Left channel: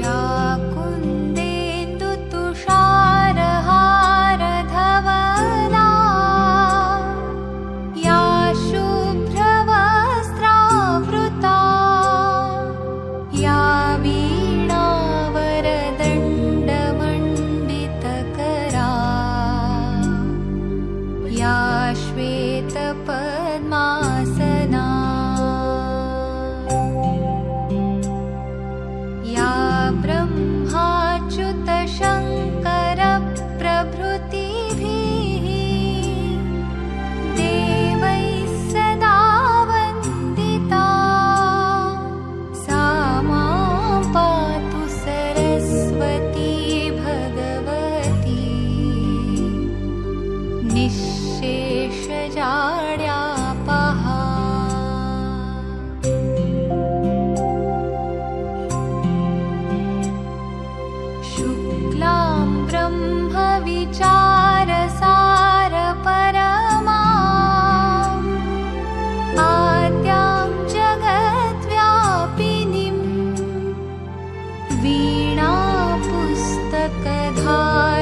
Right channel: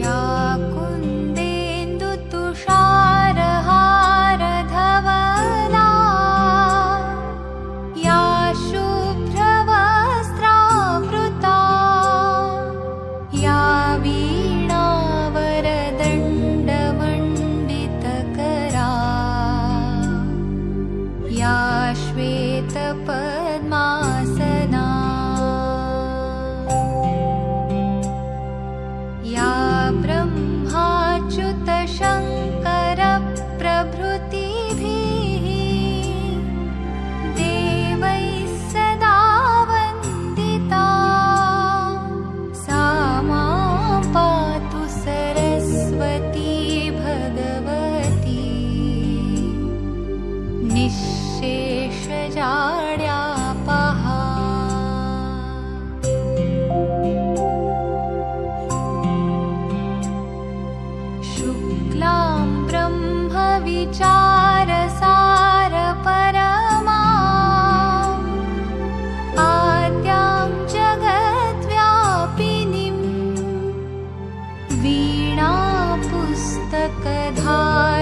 या कुन्देन्दुतुषारहारधवल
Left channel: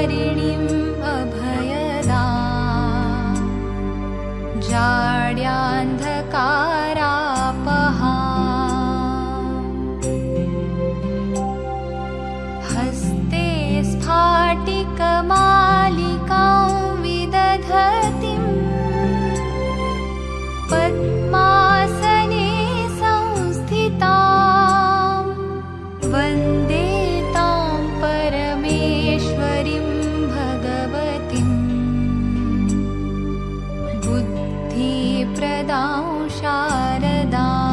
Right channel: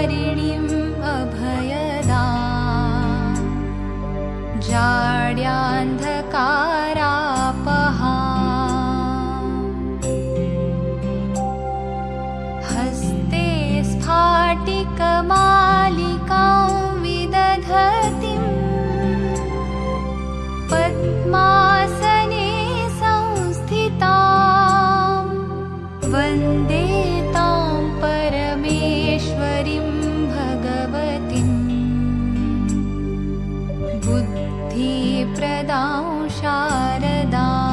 तारिणीम् अभयदा जाड्यान्धकारापहा हस्ते स्फाटिकमालिकां विदधतीं पद्मासने संस्थितां वन्दे तां परमेश्वरीं भगवतीं बुद्धिप्रदां शारदाम्।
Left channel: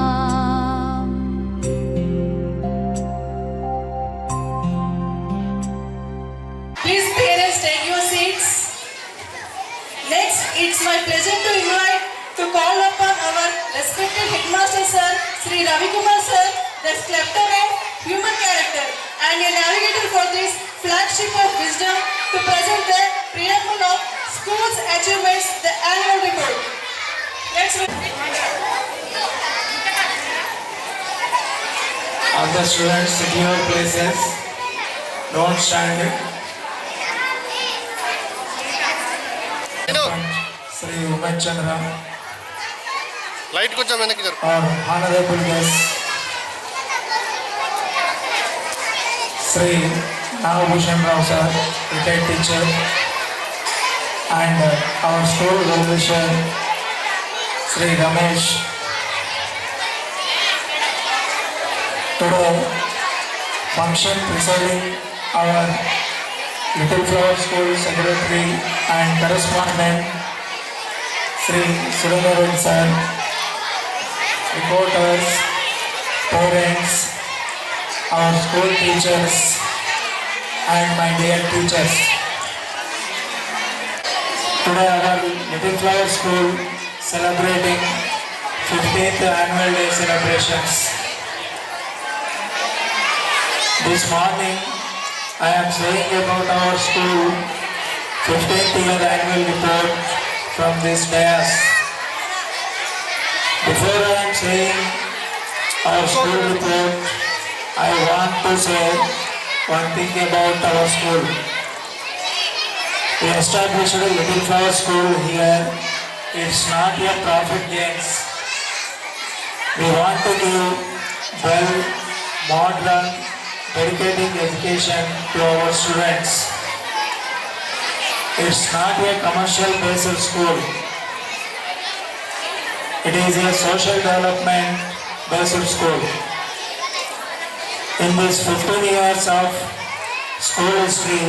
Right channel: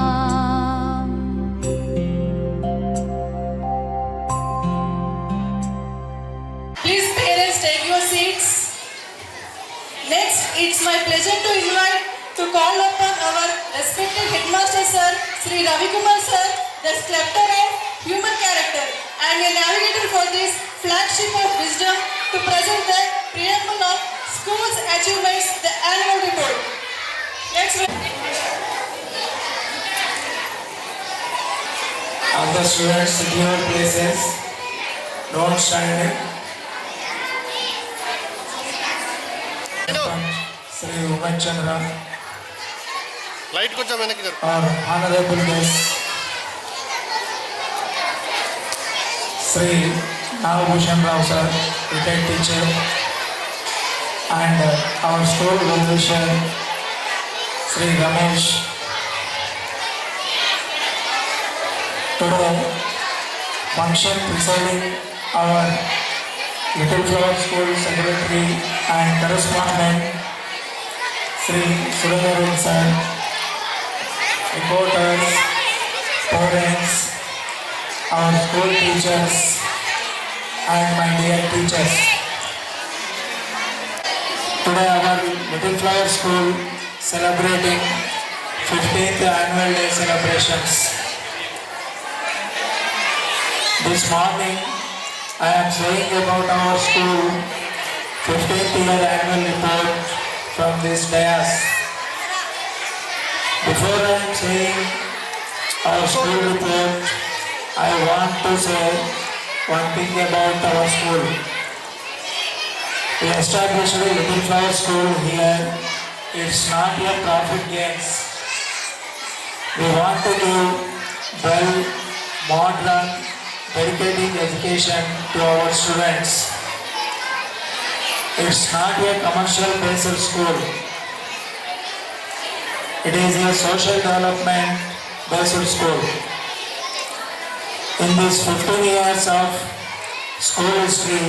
Please parents, take your seats. Next, it's my pleasure to invite to call upon our respected headmaster sir, Sri Ravi Kumar sir, the sculptor of human character and a navigator for this flagship of wisdom, to present the preamble of school's achievements, the annual report. Let's All the students sit in your places. Don't stand. Sri Umesh Chandra, light కొంచెం వెనక్కి జరుపు. our honorable guest, Sri Nagabhushan Rao sir, retired teacher, and our school well-wisher, Sri Ramesh. Today, function presiding our Little Flower School Secretary and correspondent, Sri Surendran sir, reporters, parents, our school teachers, and my dear teachers. Today our Little Flower School celebrating 15th annual day celebrations. This morning I am saying about our school 15th year annual report from this dais. Before I am saying our school report, I want to say one thing about our school. We established a Little Flower School here. It's not a profit gains. We want to give well, modern, dedicating education to our students. It's not a commercial based school. It is a social development based school. In these 15 years of school history,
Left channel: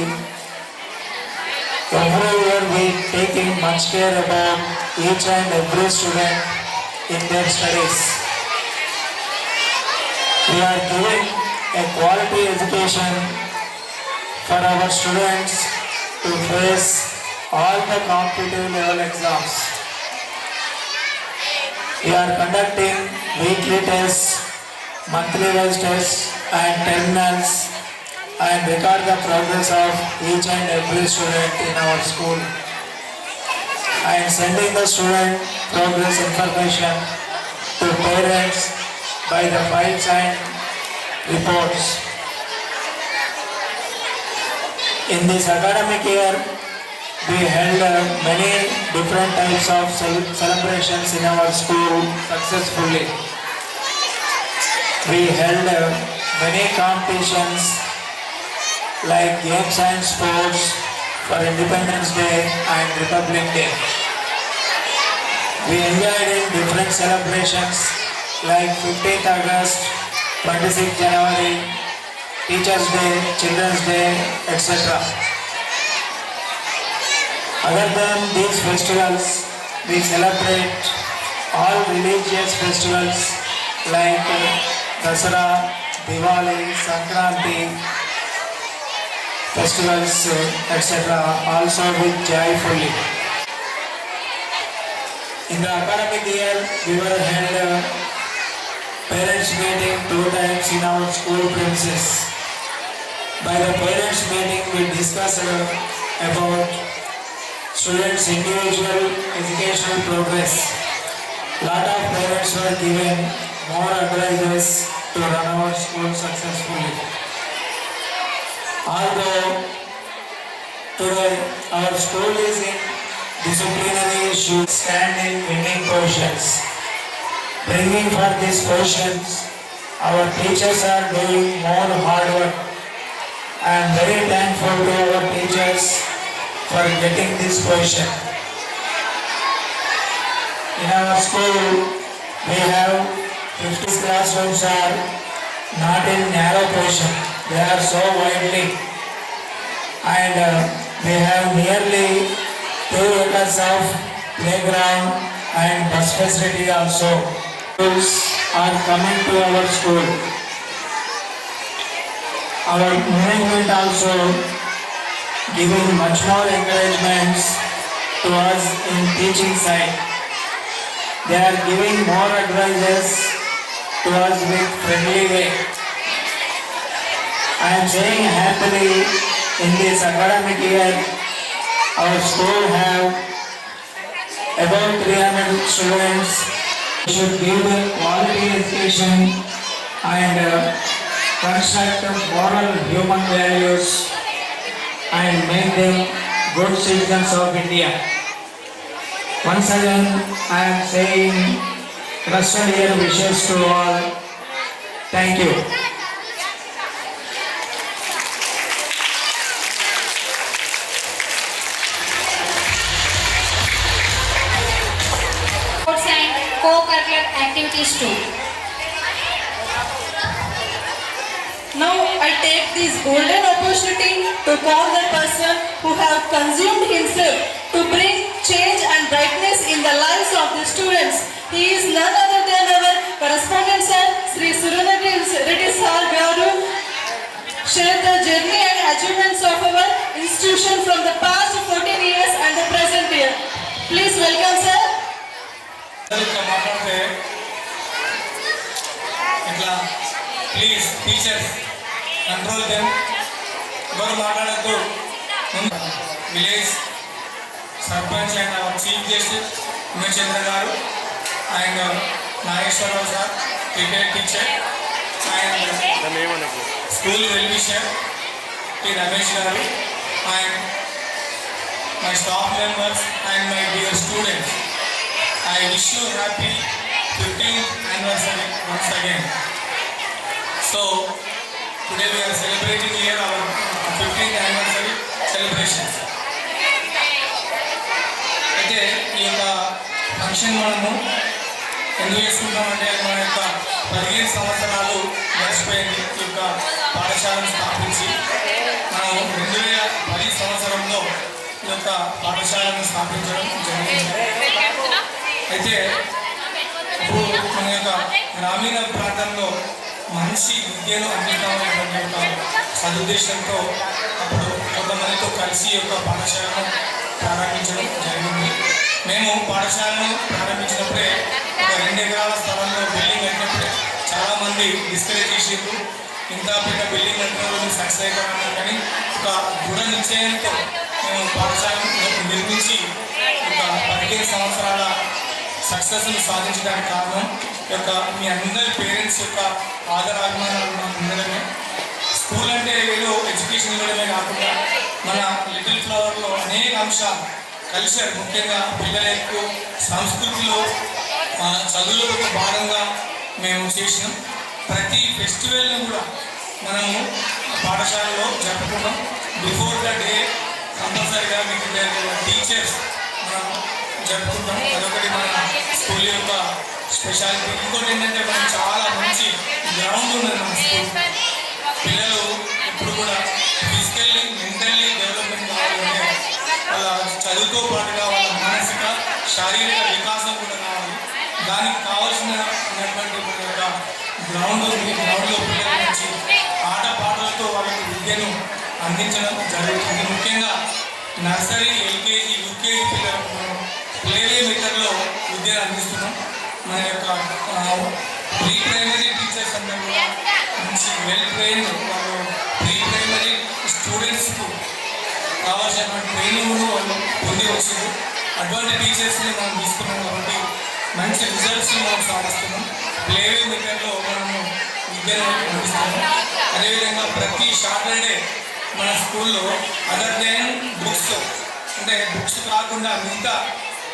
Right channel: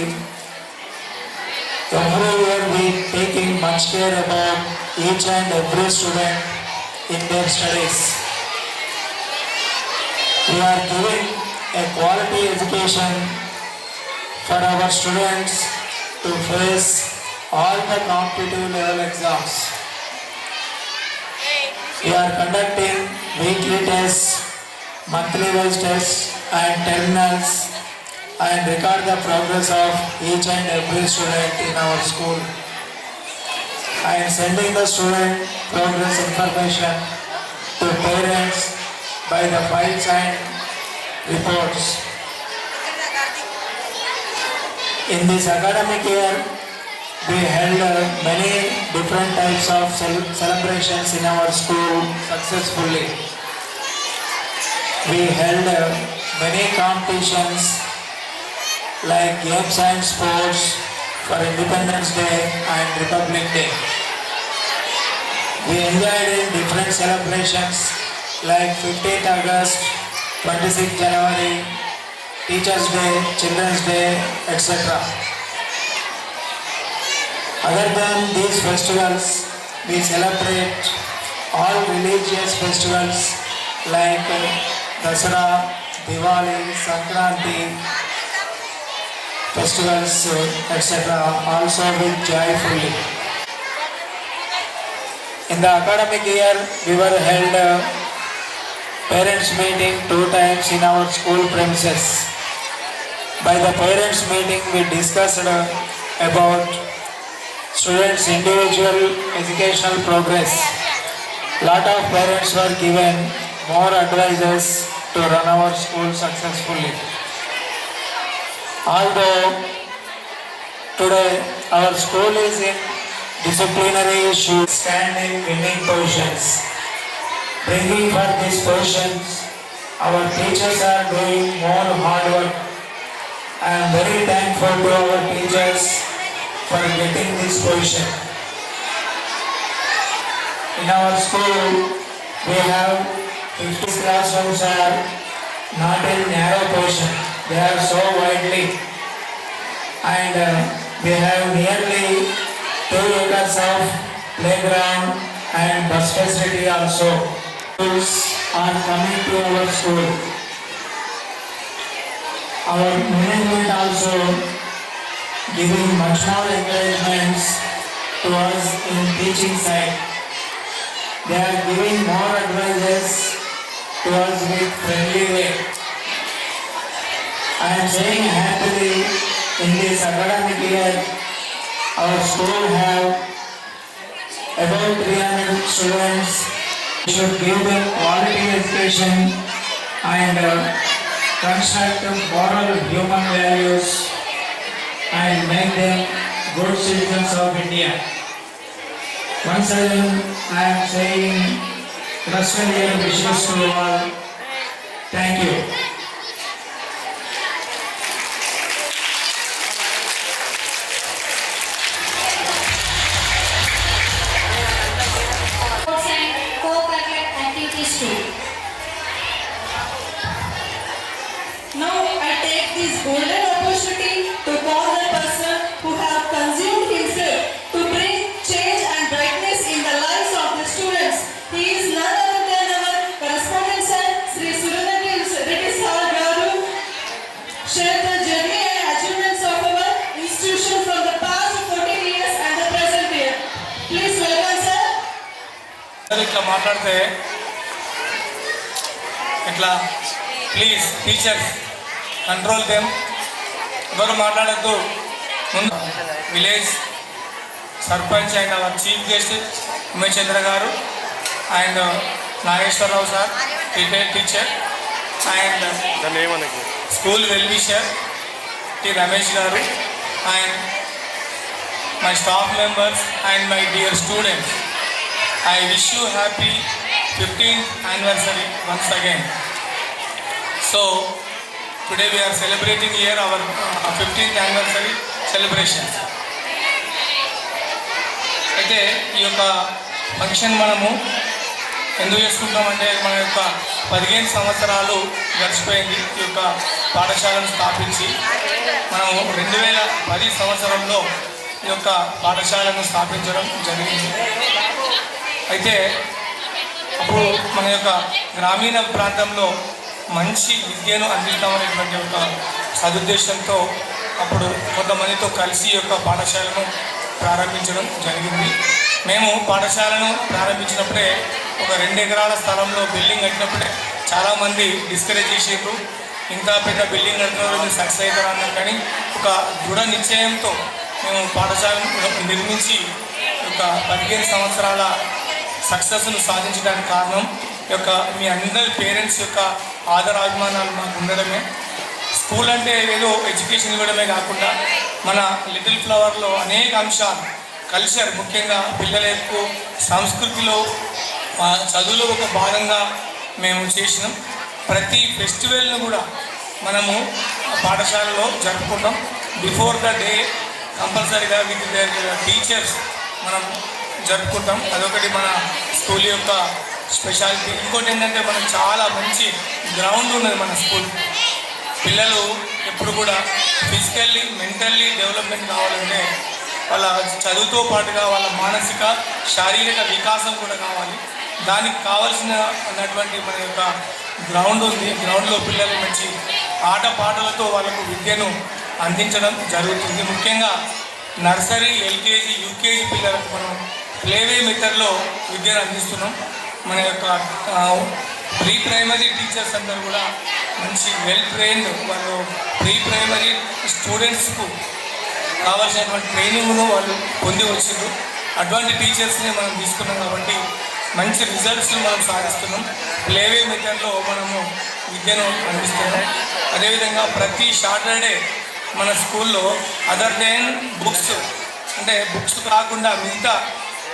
every year we taking much care about each and every student in their studies. We are giving a quality education for our students to face all the competitive level exams. We are conducting weekly tests, monthly wise tests and terminals, and record the progress of each and every student in our school. I am sending the student progress information to parents by the files and reports. In this academic year, we held many different types of celebrations in our school successfully. We held many competitions like games and sports for Independence Day and Republic Day. We enjoyed in different celebrations like 15th August, 26th January, Teachers Day, Children's Day, etc. Other than these festivals, we celebrate all religious festivals like Dasara, Diwali, Sankranti, festivals, etc. also with joyfully. In the academic year, we were held parents meeting 2 times in our school premises. By the parents meeting, we discussed about students' individual educational progress. Lot of parents were given more advices to run our school successfully. Although Today, our school is in disciplinary issues, standing winning positions. Bringing for these positions, our teachers are doing more hard work. I am very thankful to our teachers for getting this position. In our school, we have 50 classrooms are not in narrow position. They are so widely. And we have nearly 2 acres of playground and bus facility also. Schools are coming to our school. Our management also giving much more encouragements to us in teaching side. They are giving more advices to us with friendly way. I am saying happily in this academic year, our school have about 300 students. We should give them quality education and construct moral human values and make them good citizens of India. Once again, I am saying Christmas year wishes to all. Thank you. Sports and co-curricular activities too. Now I take this golden opportunity to call the person who have consumed himself to bring change and brightness in the lives of the students. He is none other than our correspondent sir, Sri Surunati Reddy Sir Garu, share the journey and achievements of our institution from the past 14 years and the present year. Please welcome sir. ఇట్లా మాట్లాడితే ఇట్లా please teachers control them, ఎవరు మాట్లాడద్దు. ముందు village sarpanch and our chief guest Umesh Chandra garu and Nageswara Rao sir retired teacher and దాన్ని ఏమనకు school wellwisher T Ramesh garu and my staff members and my dear students. I wish you happy 15th anniversary once again. So today we are celebrating here our 15th anniversary celebrations. అయితే ఈ యొక్క ఫంక్షన్ మనము ఎందుకు చేసుకుంటామంటే మన యొక్క 15 సంవత్సరాలు గడిచిపోయింది ఈ యొక్క పాఠశాలను స్థాపించి. మనం 2010 సంవత్సరంలో ఈ యొక్క పాఠశాలను స్థాపించడం జరిగింది. అయితే అప్పుడు మన యొక్క గ్రామీణ ప్రాంతంలో మంచి విద్యను అందిస్తామనేటువంటి ఒక సదుద్దేశంతో అప్పుడు కొంతమందితో కలిసి ఈ యొక్క పాఠశాలను ప్రారంభించడం జరిగింది. మేము పాఠశాలను ప్రారంభించినప్పుడే ఒక 2 ఎకరాల స్థలంలో బిల్డింగ్ కట్టినప్పుడే చాలామంది డిస్కరేజ్ చేసేందుకు ఇంత పెద్ద బిల్డింగ్ కట్టడం సక్సెస్ అవుతారన్నారు. కానీ ఒక దృఢ నిశ్చయంతో మేము పాఠశాలను నిర్మించి ఒక 15 సంవత్సరాల సక్సెస్ను సాధించడానికి కారణం యొక్క మీ అందరి పేరెంట్స్ యొక్క ఆదరాభిమానాలు మాకు ఉండడమే. స్కూల్ అంటే ఏదో ఎడ్యుకేషన్ ఇవ్వడమే కాకుండా మన లిటిల్ ఫ్లవర్లో అనేక అంశాలు కల్చర్, ముఖ్యంగా పిల్లల యొక్క సంస్కృతిలో చదువులో ఒక భాగంగా మేము చేసినాం. ప్రతి ఫెస్టివల్ను కూడా మనము పాఠశాలలో జరుపుకుంటాం. బిఫోర్ ద డే కంపల్సరీగా విత్ టీచర్స్ మనం జరుపుకుంటాం. అదొకటి మన స్కూల్ యొక్క స్పెషాలిటీ. ఇంకోటి ఏంటంటే మనకు చాలా మంచి గ్రౌండ్ ఉన్నది మన స్కూల్. పిల్లలు ఎప్పుడు కూడా ఫిజికల్లీ మెంటల్లీ డెవలప్మెంట్ కావాలంటే వాళ్ళ చదువుతో పాటుగా వాళ్ళ మానసిక శారీరక వికాసం కూడా కావాలి. దానికి కావాల్సిన ఉన్నటువంటి మన యొక్క గ్రౌండ్ ఉంది. గ్రౌండ్లో పిల్లలు మంచి ఆటపాటలతో వాళ్ళకు విద్యను అందించడం జరుగుతుంది. ముఖ్యంగా నర్సరీ, ఎల్కేజీ, యూకేజీ పిల్లలకు మనం ప్లేవే మెథడ్లో విద్యను అందిస్తున్నాం. మన యొక్క ప్రీ ప్రైమరీ టీచర్స్ అందరూ కూడా మంచి వెల్ ట్రైన్డ్, వాళ్ళు ప్రీ ప్రైమరీ స్టూడెంట్స్కు కావాల్సినటువంటి ట్రైనింగ్ను వాళ్ళు పొంది వచ్చారు. అటువంటి టీచర్స్ని మనం తీసుకున్నాం కాబట్టి మంచి రిజల్ట్స్ని మనం సాధిస్తున్నాం. ప్లేవే మెథడ్లో మనము విద్యను అందిస్తున్నాం. అదేవిధంగా ప్రతి సాటర్డే మన స్కూల్లో అదర్ దెన్ బుక్స్ అంటే బుక్స్ కాకుండా మిగతా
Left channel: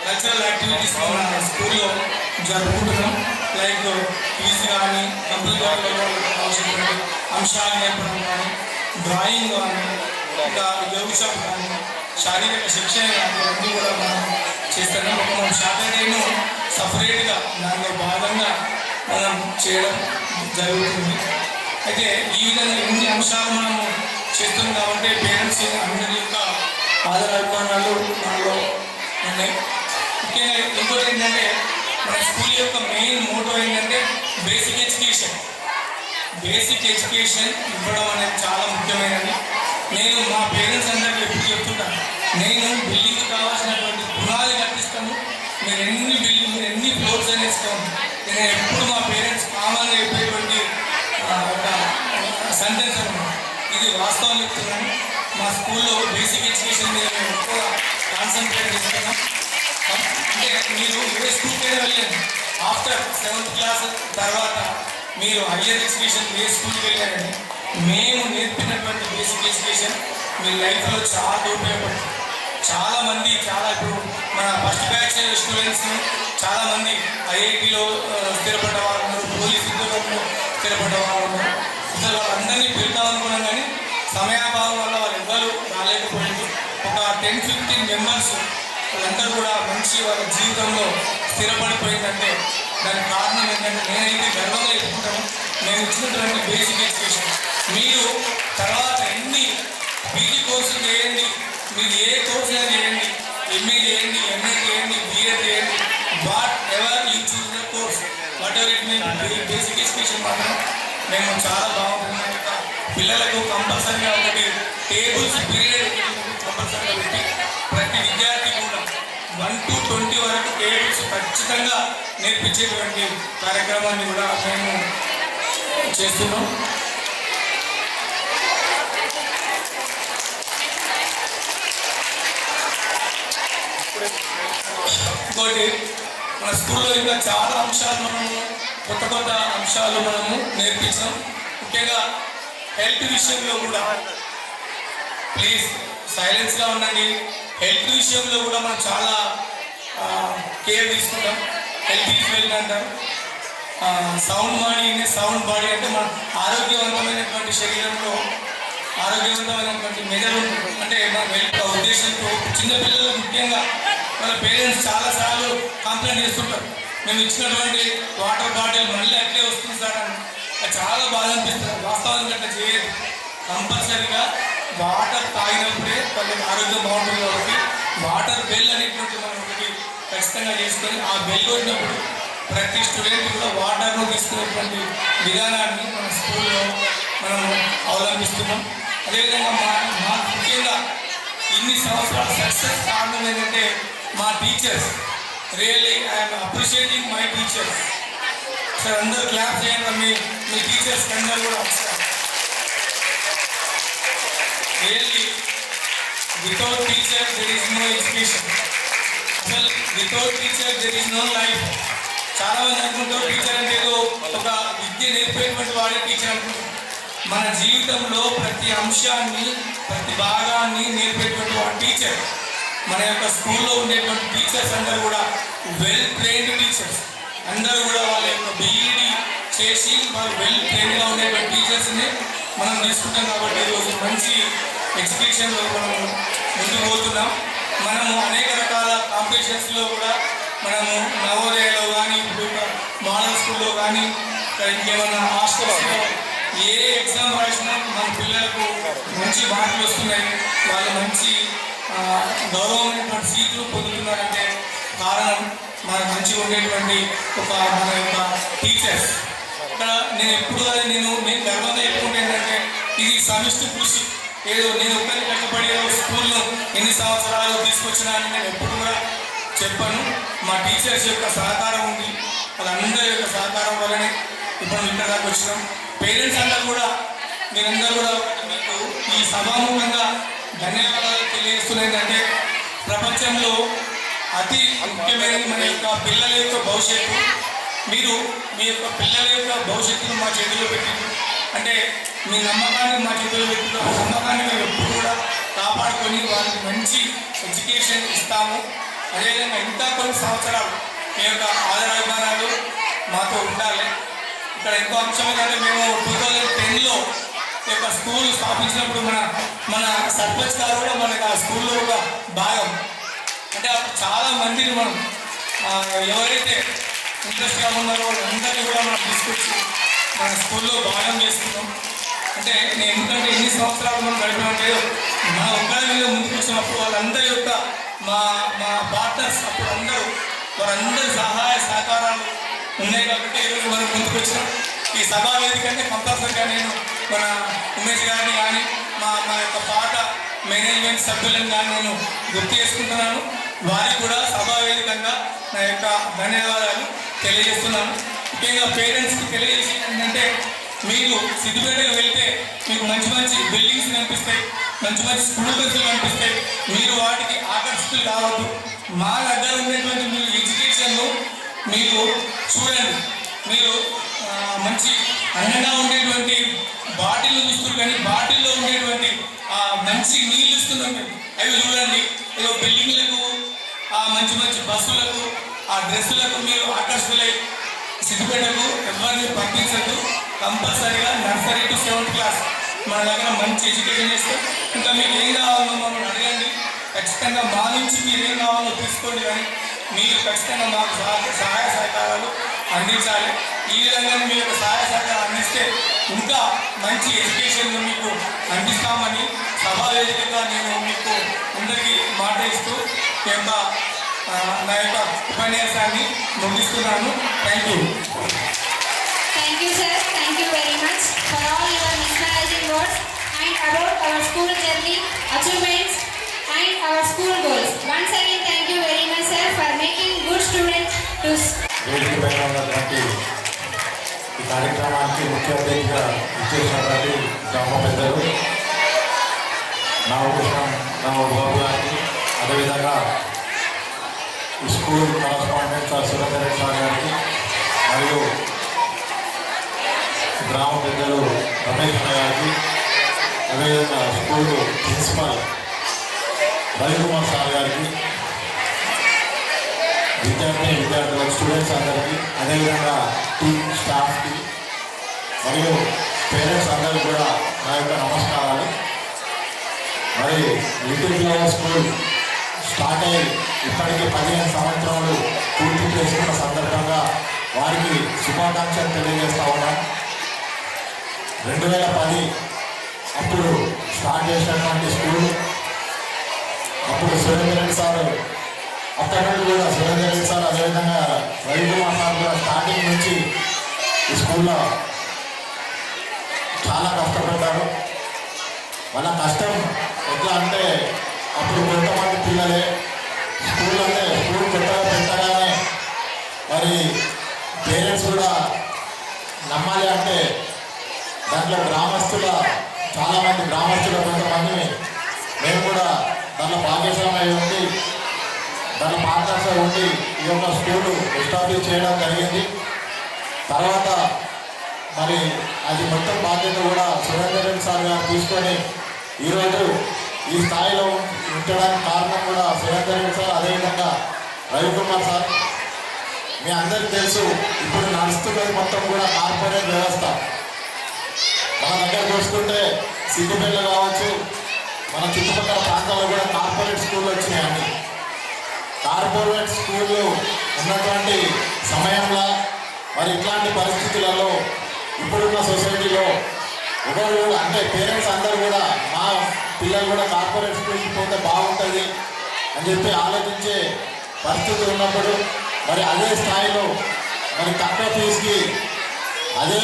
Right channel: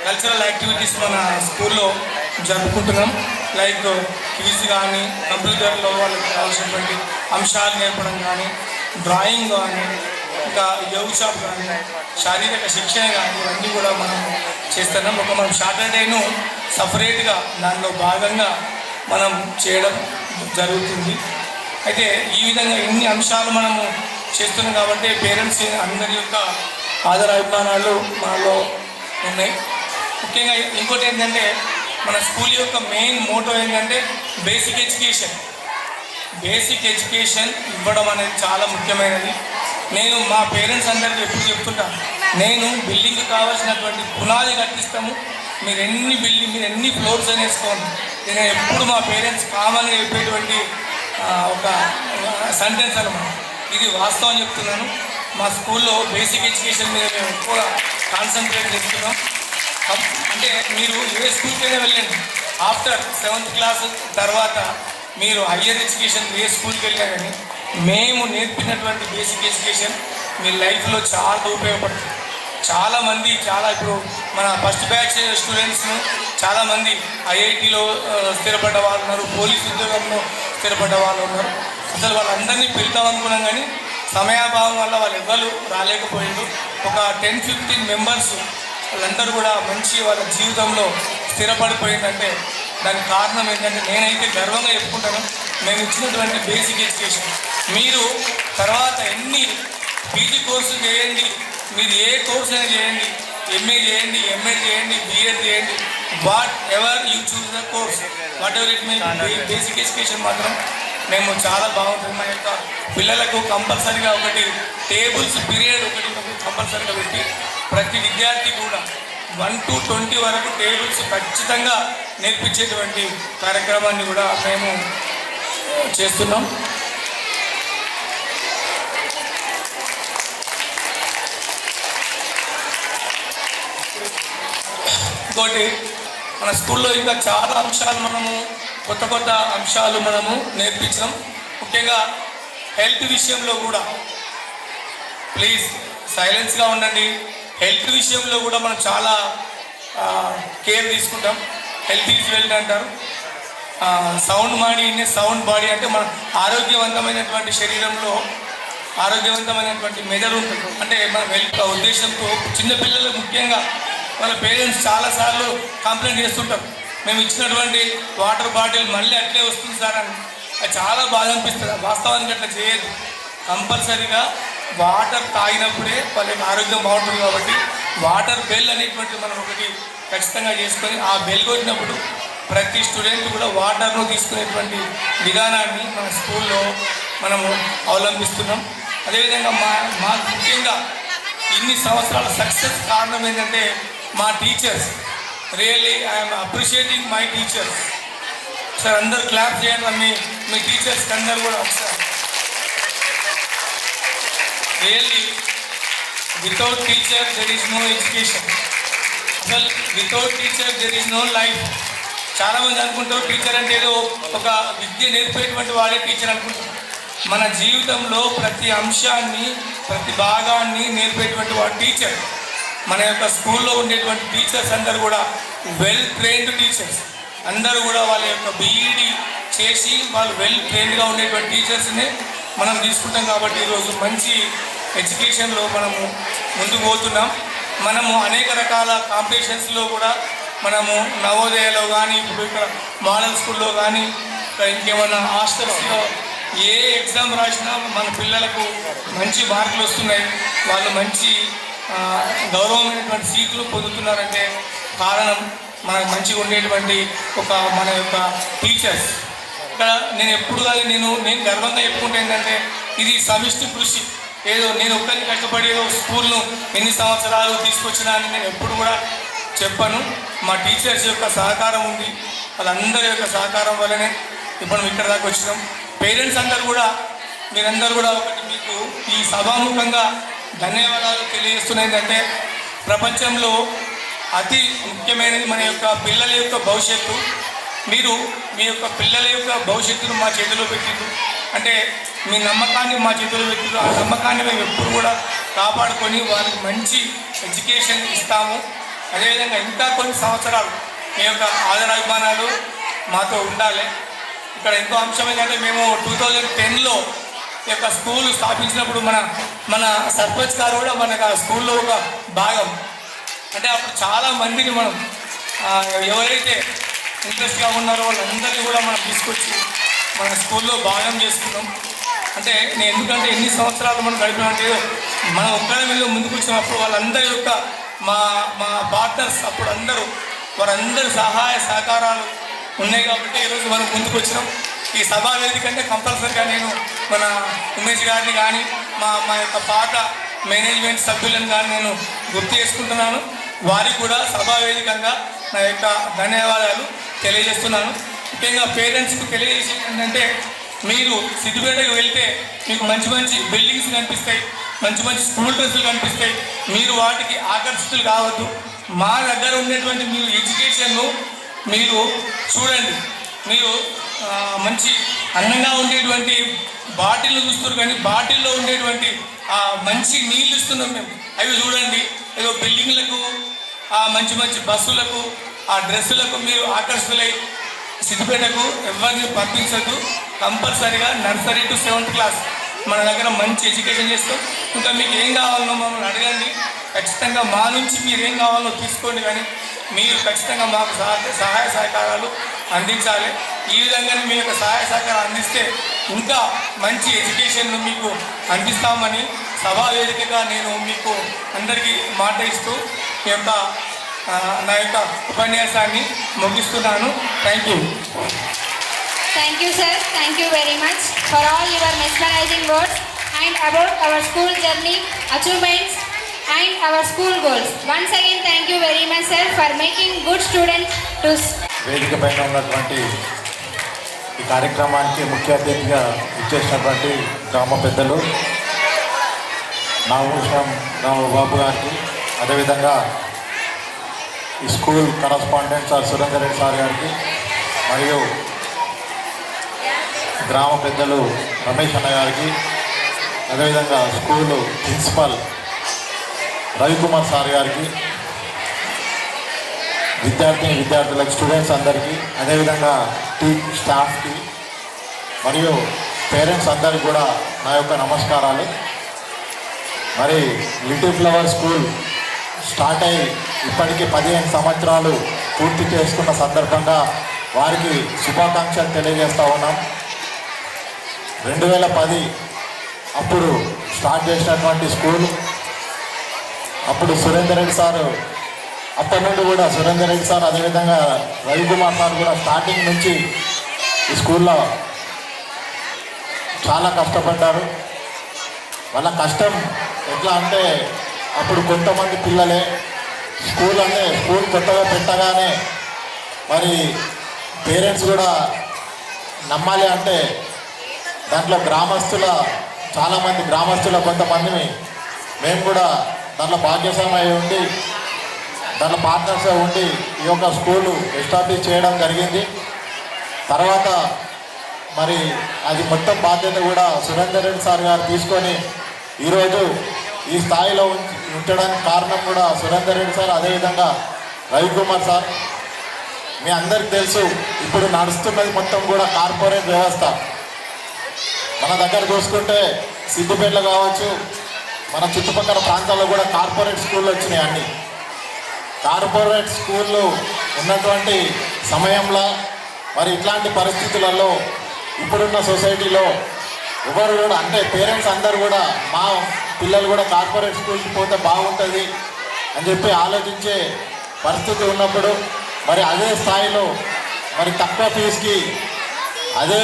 కల్చరల్ యాక్టివిటీస్ మన స్కూల్లో జరుపుకుంటున్నాం. లైక్ క్విజ్ కానీ, కంప్యూటర్లో వాళ్ళకి కావాల్సినటువంటి అంశాలు నేర్పడం కానీ, డ్రాయింగ్ కానీ, ఇంకా యోగ షాప్ కానీ, శారీరక శిక్షణ కానీ అన్నీ కూడా మనం చేస్తున్నాం. ఒక మనం సాటర్డేను సపరేట్గా దానిలో భాగంగా మనం చేయడం జరుగుతుంది. అయితే ఈ విధంగా ఇన్ని అంశాలు మనము చేస్తున్నాం కాబట్టి పేరెంట్స్ అందరి యొక్క ఆదరాభిమానాలు మనలో ఉన్నాయి. ముఖ్యంగా ఇంకోటి ఏంటంటే మన స్కూల్ యొక్క మెయిన్ మోటో ఏంటంటే బేసిక్ ఎడ్యుకేషన్. బేసిక్ ఎడ్యుకేషన్ ఇవ్వడం అనేది చాలా ముఖ్యమైనది. నేను మా పేరెంట్స్ అందరికీ ఎప్పుడు చెప్తుంటాను, నేను బిల్డింగ్ కావాల్సినటువంటి పునాది కట్టిస్తాము, మీరు ఎన్ని ఫ్లోర్స్ అని వేసుకోండి. నేను ఎప్పుడు మా పేరెంట్స్ కామన్గా చెప్పేటువంటి ఒక సెంటెన్స్ అనమాట. ఇది వాస్తవం చెప్తున్నాను. మా స్కూల్లో బేసిక్ ఎడ్యుకేషన్ మీద మేము ఎక్కువ కాన్సన్ట్రేట్ చేస్తున్నాం. అంటే మీరు ఏ స్కూల్కైనా వెళ్ళండి, ఆఫ్టర్ 7th క్లాస్ తర్వాత మీరు హయ్యర్ ఎడ్యుకేషన్ ఏ స్కూల్కి వెళ్ళారని మేము నేర్పినటువంటి బేసిక్ ఎడ్యుకేషన్ మీ లైఫ్లో చాలా ఉపయోగపడుతుంది. చాలామంది ఇప్పుడు మన ఫస్ట్ బ్యాచ్ స్టూడెంట్స్ను చాలామంది ఐఐటీలో స్థిరపడ్డ వాళ్ళు ఉన్నారు, పోలీస్ ఉద్యోగంలో స్థిరపడ్డ వాళ్ళు ఉన్నారు. అసలు వాళ్ళందరినీ పిలుద్దాం అనుకున్నాం కానీ సమయాభావం వల్ల వాళ్ళు ఎవ్వరు రాలేకపోయారు. ఒక 10-15 మెంబర్స్ వాళ్ళందరూ కూడా మంచి వాళ్ళ జీవితంలో స్థిరపడిపోయిందంటే దానికి కారణం ఏంటంటే నేనైతే గర్వంగా చెప్పుకుంటాను, నేను ఇచ్చినటువంటి బేసిక్ ఎడ్యుకేషన్. మీరు తర్వాత ఎన్ని పీజీ కోర్సులు చేయండి, మీరు ఏ కోర్స్ అయినా చేయండి, ఎంఏ చేయండి, ఎంఏ చేయండి, బిఏ చేయండి, what ever you choose the course, what ever it mean, basic education మాత్రం మేము చాలా బాగుంటుంది. మా యొక్క పిల్లలకు కంపల్సరీగా ఒకటి టేబుల్స్ పీరియడ్ ఒకటి కంపల్సరీగా పెట్టి ప్రతి విద్యార్థి కూడా 1 to 20 వరకు టేబుల్స్ ఖచ్చితంగా నేర్పించేటువంటి కార్యక్రమాన్ని కూడా మేము చేస్తున్నాం. ఇంకోటి మన స్కూల్లో ఇంకా చాలా అంశాలు మనము కొత్త అంశాలు మనము నేర్పించాం. ముఖ్యంగా హెల్త్ విషయంలో కూడా ప్లీజ్ సైలెన్స్గా ఉండండి. హెల్త్ విషయంలో కూడా మనం చాలా కేర్ తీసుకుంటాం. హెల్త్ ఈజ్ వెల్త్ అంటారు. సౌండ్ బాడీ అంటే మన ఆరోగ్యవంతమైనటువంటి శరీరంలో ఆరోగ్యవంతమైనటువంటి మెదడు ఉంటుంది. అంటే మన హెల్త్ ఉద్దేశంతో చిన్నపిల్లలకు ముఖ్యంగా వాళ్ళ పేరెంట్స్ చాలాసార్లు కంప్లైంట్ చేస్తుంటారు, మేము ఇచ్చినటువంటి వాటర్ బాటిల్ మళ్ళీ అట్లే వస్తుంది సార్ అని. అది చాలా బాధ అనిపిస్తుంది. వాస్తవానికి అట్లా చేయదు. కంపల్సరీగా వాటర్ తాగినప్పుడే వాళ్ళకి ఆరోగ్యం బాగుంటుంది. కాబట్టి వాటర్ బెల్ అనేటువంటి మనం ఒకటి ఖచ్చితంగా చేసుకొని ఆ బెల్ కొట్టినప్పుడు ప్రతి స్టూడెంట్ కూడా వాటర్ను తీసుకునేటువంటి విధానాన్ని మన స్కూల్లో మనము అవలంబిస్తున్నాం. అదేవిధంగా మా ముఖ్యంగా ఇన్ని సంవత్సరాల సక్సెస్ కారణం ఏంటంటే మా teachers. Really I'm appreciating my teachers. Sir అందరూ క్లాప్ చేయండి మీ టీచర్స్ అందరూ కూడా ఒకసారి. Really without teacher there is no education. అసలు without teacher there is no life. చాలామంది అనుకుంటారు టీచర్ అంటే ఏదో ఒక విద్య నేర్పేటువంటి వాడే టీచర్ అనుకుంటారు. మన జీవితంలో ప్రతి అంశాన్ని ప్రతి భాగాన్ని నేర్పేటువంటి వాడు టీచర్. మన యొక్క స్కూల్లో ఉండేటువంటి టీచర్స్ అందరూ కూడా వెల్ ట్రైన్డ్ టీచర్స్. అందరూ కూడా వాళ్ళ యొక్క బీఈడి చేసి వాళ్ళు వెల్ ట్రైన్డ్గా ఉండేటువంటి టీచర్స్ని మనం తీసుకుంటాం. కాబట్టి ఈరోజు మంచి ఎడ్యుకేషన్లో మనము ముందుకు పోతున్నాం. మనము అనేక రకాల కాంపిటీషన్స్లో కూడా మనము నవోదయలో కానీ ఇప్పుడు ఇక్కడ మోడల్ స్కూల్లో కానీ ఇంకేమైనా హాస్టల్స్లో ఏ ఎగ్జామ్ రాసినా మన పిల్లలకు మంచి మార్కులు వస్తున్నాయి. వాళ్ళు మంచి గౌరవమైనటువంటి సీట్లు పొందుతున్నారంటే కారణం మనకు మంచిగా ఉండేటువంటి మన యొక్క టీచర్స్. ఇక్కడ నేను ఎప్పుడు కాదు నేను గర్వంగా చెప్పుకుంటే ఏంటంటే ఇది సమిష్టి కృషి. ఏదో నేను ఒక్కరిని కష్టపడి ఏదో స్కూల్ను ఎన్ని సంవత్సరాలు తీసుకొచ్చినా అని నేను ఎప్పుడు కూడా చెప్పాను. మా టీచర్స్ యొక్క సహకారం ఉంది. వాళ్ళందరి యొక్క సహకారం వల్లనే ఇప్పుడు ఇక్కడ దాకా వచ్చినాం. పేరెంట్స్ అందరూ కూడా మీరందరూ కూడా మీకు ఈ సభాముఖంగా ధన్యవాదాలు తెలియజేస్తున్నాయంటే ప్రపంచంలో అతి ముఖ్యమైనది మన యొక్క పిల్లల యొక్క భవిష్యత్తు. మీరు మీ యొక్క పిల్లల యొక్క భవిష్యత్తును మా చేతిలో పెట్టిండ్రు అంటే మీ నమ్మకాన్ని మా చేతిలో పెట్టిండ్రు. ఆ నమ్మకాన్ని మేము ఎప్పుడు కూడా కాపాడుకొని వారికి మంచి ఎడ్యుకేషన్ ఇస్తాము. అదేవిధంగా ఇంకా కొన్ని సంవత్సరాలు మీ యొక్క ఆదరాభిమానాలు మాతో ఉండాలి. ఇక్కడ ఇంకో అంశం ఏంటంటే మేము 2010లో ఈ యొక్క స్కూల్ స్థాపించినప్పుడు మన సర్పంచ్ గారు కూడా మనకు ఆ స్కూల్లో ఒక భాగం. అంటే అప్పుడు చాలా మందిని మనం ఎవరైతే ఇంట్రెస్ట్గా ఉన్నారో వాళ్ళందరినీ కూడా మనం తీసుకొచ్చి మన స్కూల్లో భాగం చేసుకున్నాం. అంటే నేను ఎందుకంటే ఎన్ని సంవత్సరాలు మనం గడిపినట్టు మన ఒక్కరిలో ముందుకు వచ్చినప్పుడు వాళ్ళందరి యొక్క మా పార్ట్నర్స్ అప్పుడు వారందరి సహాయ సహకారాలు ఉన్నాయి కాబట్టి ఈరోజు మనం ముందుకు వచ్చినాం. ఈ సభా వేదిక అంటే కంపల్సరీగా నేను మన ఉమేష్ గారిని కానీ మా యొక్క పాత మేనేజ్మెంట్ సభ్యులను కానీ నేను గుర్తు చేసుకుంటున్నాను. వారికి కూడా సభా వేదికంగా నా యొక్క ధన్యవాదాలు తెలియజేస్తున్నాను. ముఖ్యంగా పేరెంట్స్కి తెలియజేసేది ఏంటంటే మీరు సిద్దిపేటకు వెళ్తే మీకు మంచి మంచి బిల్డింగ్స్ కనిపిస్తాయి, మంచి మంచి స్కూల్ డ్రెస్సులు కనిపిస్తాయి. మీరు వాటికి ఆకర్షితులు కావద్దు. మా దగ్గర ఉండేటువంటి మీరు ఎడ్యుకేషన్ను మీరు చూడండి. మీరు మంచి అందంగా ఉండేటువంటి బాటిల్ను చూస్తారు కానీ బాటిల్లో ఉండేటువంటి మంచి నీళ్ళు ఇస్తున్నాం మేము. అవి చూడండి. ఏదో బిల్డింగ్లకు మంచి మంచి బస్సులకు డ్రెస్సులకు మీరు ఆకర్షితులై సిద్దిపేటకు ఎవరిని పంపించద్దు. కంపల్సరీగా నర్సరీ టు 7th క్లాస్ మన దగ్గర మంచి ఎడ్యుకేషన్ చేస్తాం. ఇంకా మీకు ఏం కావాలో మమ్మల్ని అడగండి. ఖచ్చితంగా మా నుంచి మీరు ఏం కావాలో తీసుకోండి. కానీ మీరు ఖచ్చితంగా మాకు సహాయ సహకారాలు అందించాలి. ఈ విధంగానే మీ యొక్క సహాయ సహకారాలు అందిస్తే ఇంకా మంచి ఎడ్యుకేషన్ మీకు అందిస్తామని సభా వేదికగా నేను మీకు అందరికీ మాట ఇస్తూ నా యొక్క ఉపన్యాసాన్ని ముగిస్తున్నాను. Thank you. Thank you, sir. Thank you very much for all your mesmerizing words and about our school journey, achievements and our school goals. Once again, thank you very much, sir, for making good students to... వేదిక పైన ఉన్నటువంటి ఈ కార్యక్రమానికి ముఖ్య అతిథిగా ఇచ్చేసినటువంటి గ్రామ పెద్దలు నాగభూషణం రామబాబు గారికి, అదేవిధంగా ఈ school correspondent sir Surender Reddy సార్ గారికి, మరియు గ్రామ పెద్దలు రమేష్ అన్న గారికి, అదేవిధంగా స్కూల్ ప్రిన్సిపల్ రవికుమార్ సార్ గారికి, విద్యార్థులకు, స్టూడెంట్స్ అందరికీ, అదేవిధంగా స్టాఫ్కి మరియు పేరెంట్స్ అందరికీ కూడా నా యొక్క నమస్కారాలు. మరి లిటిల్ ఫ్లవర్ స్కూల్ స్టార్ట్ అయ్యి ఇప్పటికీ 15 సంవత్సరాలు పూర్తి చేసుకున్న సందర్భంగా వారికి శుభాకాంక్షలు తెలియజేస్తూ ఉన్నాం. 2010 అప్పుడు స్టార్ట్ చేసినటువంటి స్కూల్, అప్పుడు సురేందర్ రెడ్డి సారు, అప్పటి నుండి కూడా సురేందర్ రెడ్డి సార్, అదేవిధంగా రవికుమార్ సార్ కూడా స్టార్టింగ్ నుంచి ఈ స్కూల్లో చాలా కష్టపడ్డారు. వాళ్ళ కష్టం ఎట్లా అంటే అప్పుడు కొంతమంది పిల్లలే స్కూల్ కొత్తగా పెట్టగానే మరి పేరెంట్స్ కూడా నమ్మాలి అంటే దాంట్లో చాలామంది గ్రామస్తుల కొంతమందిని మేము కూడా దాంట్లో భాగ్యశాలమై ఉండి దాంట్లో పార్ట్నర్స్గా ఉండి ఈ యొక్క స్కూలు ఎస్టాబ్లిష్ చేయడం జరిగింది. తర్వాత మరి అది మొత్తం బాధ్యత కూడా సురేందర్ రెడ్డి సార్ గారు తీసుకొని ఈరోజు ఈ స్థాయిలో ఉంచడానికి కారణం కూడా సురేందర్ రెడ్డి సార్, అదేవిధంగా రవికుమార్ సార్. మీ అందరికీ తెలుసు, ఇప్పుడు నడుస్తున్నది మొత్తం కూడా కార్పొరేట్ వ్యవస్థ. మన దగ్గర చూసుకుంటే సిద్దిపేటలో కావచ్చు, మన చుట్టుపక్కల ప్రాంతాల్లో కూడా కార్పొరేట్ స్కూళ్ళు వచ్చినాయి. అన్ని కార్పొరేట్ స్కూళ్ళు ఉన్నటువంటి సమయంలో మరి ఇట్లాంటి పరిస్థితులలో ఇప్పుడున్న సొసైటీలో ఎవరు కూడా అంటే పేరెంట్స్ అందరూ కూడా మా పిల్లలు కూడా కార్పొరేట్ స్కూల్కి పోతే బాగుంటుంది అని చెప్పి ఆలోచించే పరిస్థితి ఉన్నప్పుడు మరి అదే స్థాయిలో మరి తక్కువ ఫీజుకి అదే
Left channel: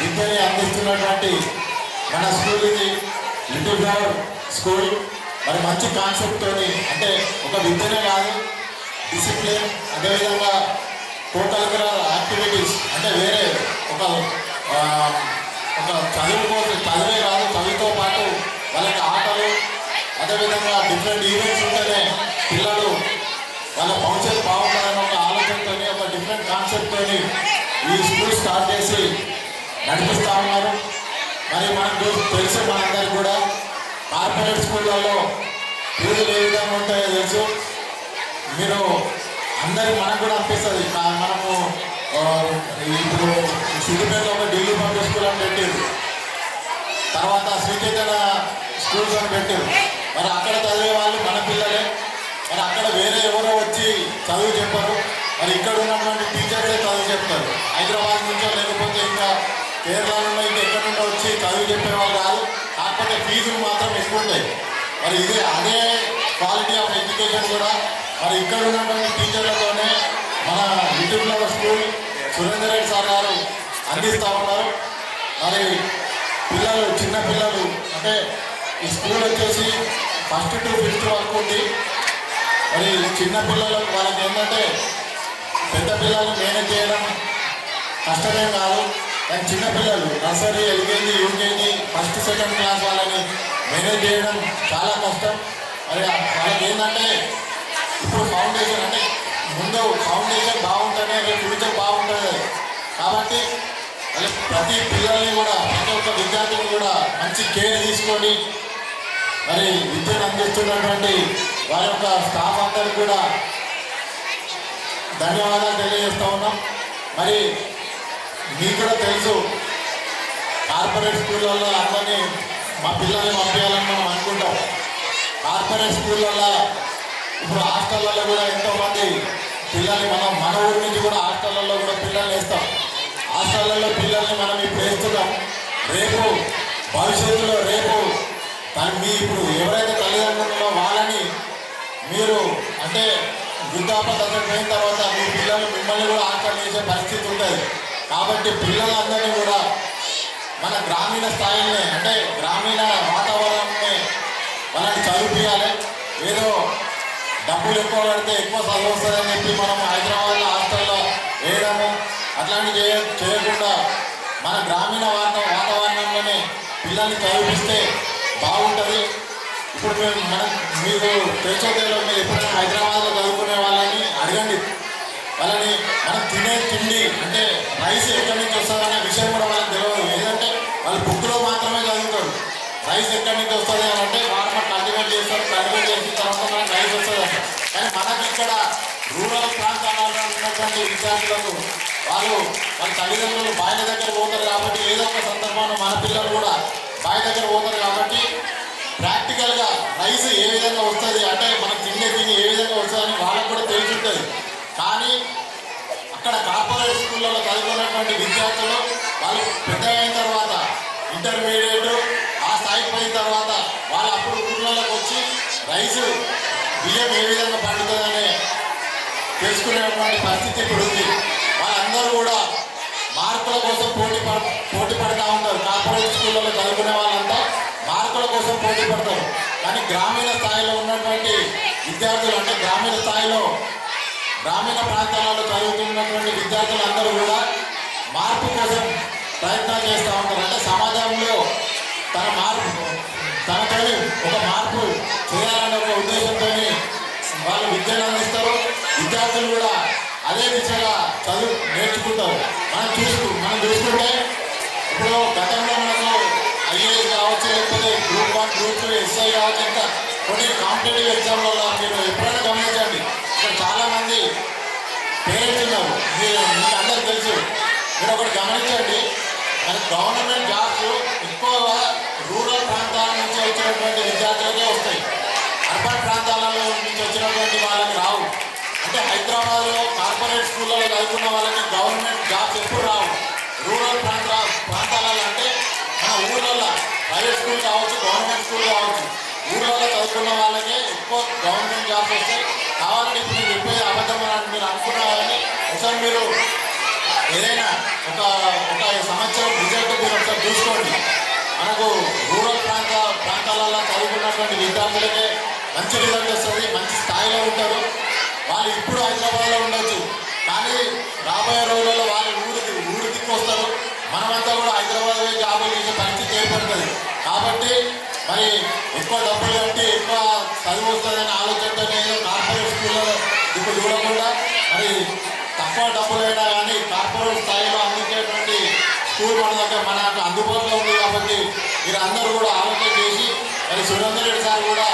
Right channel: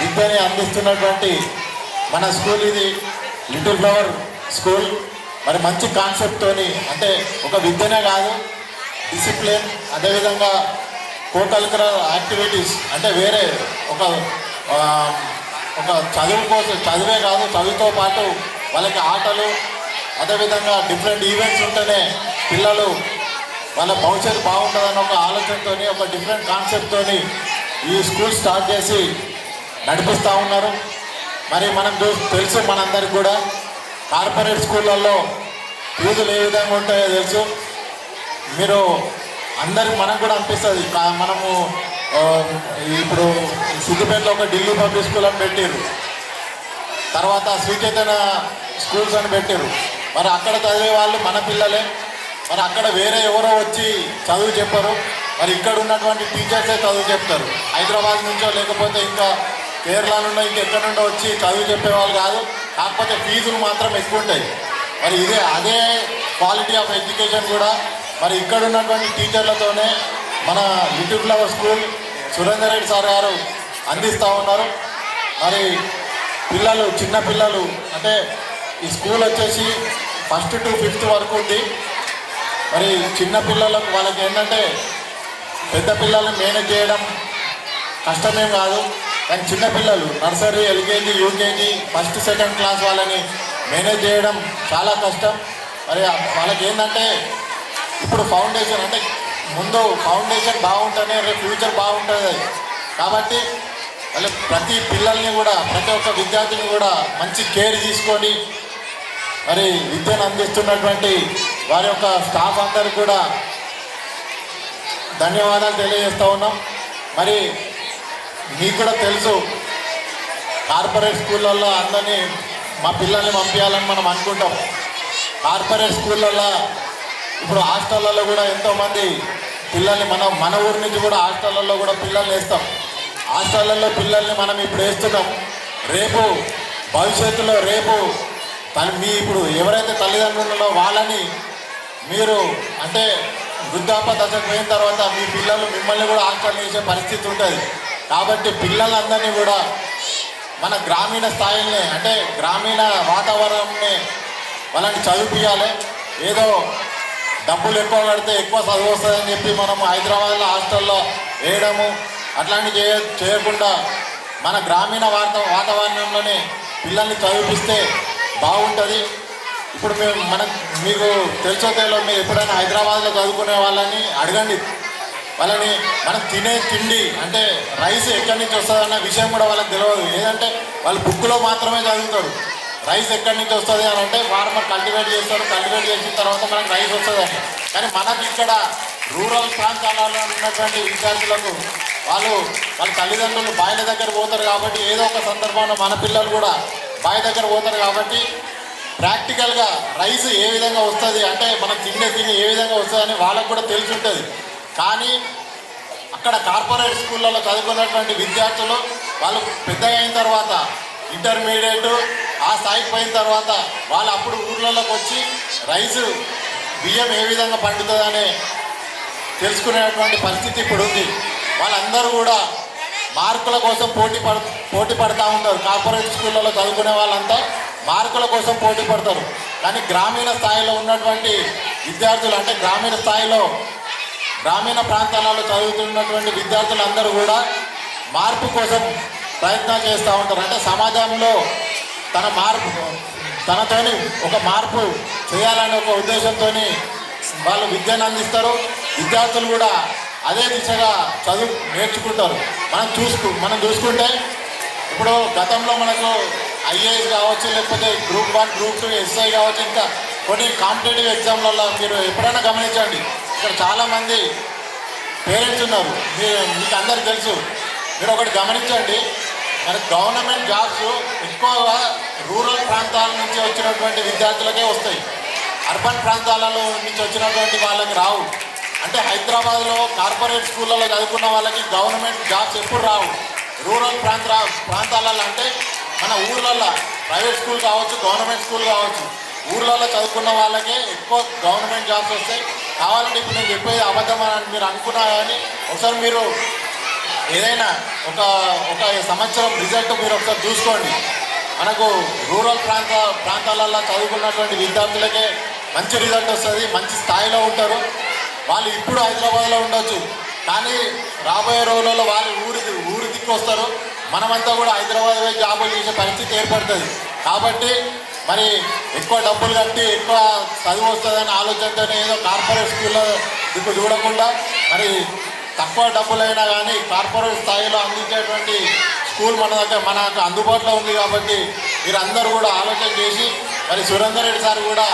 విద్యని అందిస్తున్నటువంటి మన స్కూల్ ఇది లిటిల్ ఫ్లవర్ స్కూల్. మరి మంచి కాన్సెప్ట్తోని అంటే ఒక విద్యనే కాదు, డిసిప్లిన్, అదేవిధంగా కోకల్చరల్ యాక్టివిటీస్ అంటే వేరే ఒక చదువే కాదు, చదువుతో పాటు వాళ్ళకి ఆటలు, అదేవిధంగా డిఫరెంట్ ఈవెంట్స్ ఉంటేనే పిల్లలు వాళ్ళ భవిష్యత్తు బాగుంటుందన్న ఒక ఆలోచనతో ఒక డిఫరెంట్ కాన్సెప్ట్తో ఈ స్కూల్ స్టార్ట్ చేసి నడిపిస్తూ ఉన్నారు. మరి మనకు తెలుసు మనందరికీ కూడా కార్పొరేట్ స్కూళ్ళల్లో ఫీజులు ఏ విధంగా ఉంటాయో తెలుసు. మీరు అందరికి మనకు కూడా అనిపిస్తుంది. మనము ఇప్పుడు సిద్దిపేటలో ఒక ఢిల్లీ పబ్లిక్ స్కూల్ అని పెట్టారు, తర్వాత శ్రీచైతన్య స్కూల్స్ అని పెట్టారు. మరి అక్కడ చదివే వాళ్ళు మన పిల్లలే, మరి అక్కడ వేరే ఎవరో వచ్చి చదువు చెప్పరు. మరి ఇక్కడ ఉన్నటువంటి టీచర్సే చదువు చెప్తారు. హైదరాబాద్ నుంచో లేకపోతే ఇంకా కేరళ నుండో ఇంకెక్కడ నుండో వచ్చి చదువు చెప్పేవాళ్ళు కాదు. కాకపోతే ఫీజులు మాత్రం ఎక్కువ ఉంటాయి. మరి అదే క్వాలిటీ ఆఫ్ ఎడ్యుకేషన్ కూడా మరి ఇక్కడ ఉన్నటువంటి టీచర్లతోనే మన little flower school Surender Reddy సార్ గారు అందిస్తూ ఉన్నారు. మరి పిల్లలు చిన్న పిల్లలు అంటే ఈ స్కూల్ వచ్చేసి 1st to 5th వరకు ఉంది. మరి చిన్న పిల్లలకు వాళ్ళకి ఏంటంటే పెద్ద పిల్లల్ని మేనేజ్ చేయడం కష్టమేం కాదు, కానీ చిన్నపిల్లలు nursery, LKG, UKG, 1st, 2nd class వాళ్ళని మేనేజ్ చేయడం చాలా కష్టం. మరి వాళ్ళకి ఏంటంటే ఇప్పుడు ఫౌండేషన్ అంటే ముందు ఫౌండేషన్ బాగుంటుంది, రేపు ఫ్యూచర్ బాగుంటుంది. కాబట్టి వాళ్ళ ప్రతి పిల్లల్ని కూడా ప్రతి ఒక్క విద్యార్థిని కూడా మంచి కేర్ తీసుకొని మరి విద్యను అందిస్తున్నటువంటి వారి యొక్క స్టాఫ్ అందరికి కూడా ధన్యవాదాలు తెలియజేస్తూ ఉన్నాం. మరి మీకు కూడా తెలుసు, కార్పొరేట్ స్కూళ్ళల్లో అందరినీ మా పిల్లల్ని పంపించాలని మనం అనుకుంటాం. కార్పొరేట్ స్కూళ్ళల్లో ఇప్పుడు హాస్టళ్ళల్లో కూడా ఎంతోమంది పిల్లల్ని మన ఊరి నుంచి కూడా హాస్టళ్ళల్లో కూడా పిల్లల్ని వేస్తాం. హాస్టళ్ళల్లో పిల్లల్ని మనం ఇప్పుడు వేస్తున్నాం. రేపు భవిష్యత్తులో మీ ఇప్పుడు ఎవరైతే తల్లిదండ్రులలో వాళ్ళని మీరు అంటే వృద్ధాప్య దశకు పోయిన తర్వాత మీ పిల్లలు మిమ్మల్ని కూడా ఆకర్షించే పరిస్థితి ఉంటుంది. కాబట్టి పిల్లలందరినీ కూడా మన గ్రామీణ స్థాయిని అంటే గ్రామీణ వాతావరణాన్ని వాళ్ళని చదివించాలి. ఏదో డబ్బులు ఎక్కువ కడితే ఎక్కువ చదువు వస్తుందని చెప్పి మనము హైదరాబాద్లో హాస్టల్లో వేయడము అట్లాంటివి చేయకుండా మన గ్రామీణ వాతావరణంలోనే పిల్లల్ని చదివిస్తే బాగుంటుంది. ఇప్పుడు మీకు తెలిసోకేలో మీరు ఎప్పుడైనా హైదరాబాద్లో చదువుకునే వాళ్ళని అడగండి. వాళ్ళని మనం తినే తిండి అంటే రైస్ ఎక్కడి నుంచి వస్తుందన్న విషయం కూడా వాళ్ళకి తెలియదు. ఏదంటే వాళ్ళు బుక్లో మాత్రమే చదువుతారు. రైస్ ఎక్కడి నుంచి వస్తుంది అని అంటే ఫార్మర్ కల్టివేట్ చేస్తారు, కల్టివేట్ చేసిన తర్వాత మనకు రైస్ వస్తుంది అంటే. కానీ మనకి ఇక్కడ రూరల్ ప్రాంతాలలో ఉన్నటువంటి విద్యార్థులకు వాళ్ళ తల్లిదండ్రులు బాయిల దగ్గర పోతారు కాబట్టి ఏదో ఒక సందర్భంలో మన పిల్లలు కూడా బావి దగ్గర పోతారు కాబట్టి ప్రాక్టికల్గా రైస్ ఏ విధంగా వస్తుంది అంటే మనకు తినే ఏ విధంగా వస్తుందని వాళ్ళకు కూడా తెలిసి ఉంటుంది. కానీ అక్కడ కార్పొరేట్ స్కూళ్ళలో చదువుకున్నటువంటి విద్యార్థులు వాళ్ళు పెద్ద అయిన తర్వాత ఇంటర్మీడియట్ ఆ స్థాయికి పోయిన తర్వాత వాళ్ళు అప్పుడు ఊళ్ళలోకి వచ్చి రైసు బియ్యం ఏ విధంగా పండుతుందని తెలుసుకునేటువంటి పరిస్థితి ఇప్పుడు ఉంది. వాళ్ళందరూ కూడా మార్కుల కోసం పోటీ పడుతూ ఉంటారు. కార్పొరేట్ స్కూళ్ళలో చదువుకునే వాళ్ళంతా మార్కుల కోసం పోటీ పడతారు. కానీ గ్రామీణ స్థాయిలో ఉన్నటువంటి విద్యార్థులు అంటే గ్రామీణ ప్రాంతాలలో చదువుతున్నటువంటి విద్యార్థులందరూ కూడా మార్పు కోసం ప్రయత్నాలు చేస్తూ ఉంటారు. అంటే సమాజంలో తనతోని ఒక మార్పు చేయాలనే ఒక ఉద్దేశంతో వాళ్ళు విద్యను అందిస్తారు. విద్యార్థులు కూడా అదే దిశగా చదువు నేర్చుకుంటారు. మనం చూసుకుంటే ఇప్పుడు గతంలో మనకు ఐఏఎస్ కావచ్చు, లేకపోతే గ్రూప్ 1, గ్రూప్ 2, ఎస్ఐ కావచ్చు, ఇంకా కొన్ని కాంపిటేటివ్ ఎగ్జామ్లలో మీరు ఎప్పుడైనా గమనించండి, ఇక్కడ చాలామంది పేరెంట్స్ ఉన్నారు. మీకు అందరికీ తెలుసు. మీరు ఒకటి గమనించండి, మనకి గవర్నమెంట్ జాబ్స్ ఎక్కువగా రూరల్ ప్రాంతాల నుంచి వచ్చినటువంటి విద్యార్థులకే వస్తాయి. అర్బన్ ప్రాంతాలలో నుంచి వచ్చినటువంటి వాళ్ళకి రావు. అంటే హైదరాబాద్లో కార్పొరేట్ స్కూళ్ళలో చదువుకున్న వాళ్ళకి గవర్నమెంట్ జాబ్స్ ఎప్పుడు రావు. రూరల్ ప్రాంతాలలో అంటే మన ఊళ్ళల్లో ప్రైవేట్ స్కూల్ కావచ్చు, గవర్నమెంట్ స్కూల్ కావచ్చు, ఊళ్ళల్లో చదువుకున్న వాళ్ళకే ఎక్కువ గవర్నమెంట్ జాబ్స్ వస్తాయి. కావాలంటే ఇప్పుడు నేను చెప్పేది అబద్ధం అని మీరు అనుకున్నారని ఒకసారి మీరు ఏదైనా ఒక సంవత్సరం రిజల్ట్ మీరు ఒకసారి చూసుకోండి. మనకు రూరల్ ప్రాంతాలలో చదువుకున్నటువంటి విద్యార్థులకే మంచి రిజల్ట్ వస్తుంది, మంచి స్థాయిలో ఉంటారు. వాళ్ళు ఇప్పుడు హైదరాబాద్లో ఉండొచ్చు, కానీ రాబోయే రోజులలో వాళ్ళు ఊరికి వస్తారు. మనమంతా కూడా హైదరాబాద్ జాబులు చేసే పరిస్థితి ఏర్పడుతుంది. కాబట్టి మరి ఎక్కువ డబ్బులు కట్టి ఎక్కువ చదువు వస్తుందనే ఆలోచనతో ఏదో కార్పొరేట్ స్కూల్లో ఇప్పుడు చూడకుండా మరి తక్కువ డబ్బులైనా కానీ కార్పొరేట్ స్థాయిలో అందించేటువంటి స్కూల్ మనకు అందుబాటులో ఉంది. కాబట్టి మీరు అందరూ కూడా ఆలోచన చేసి మరి సురేందర్ రెడ్డి సార్ కూడా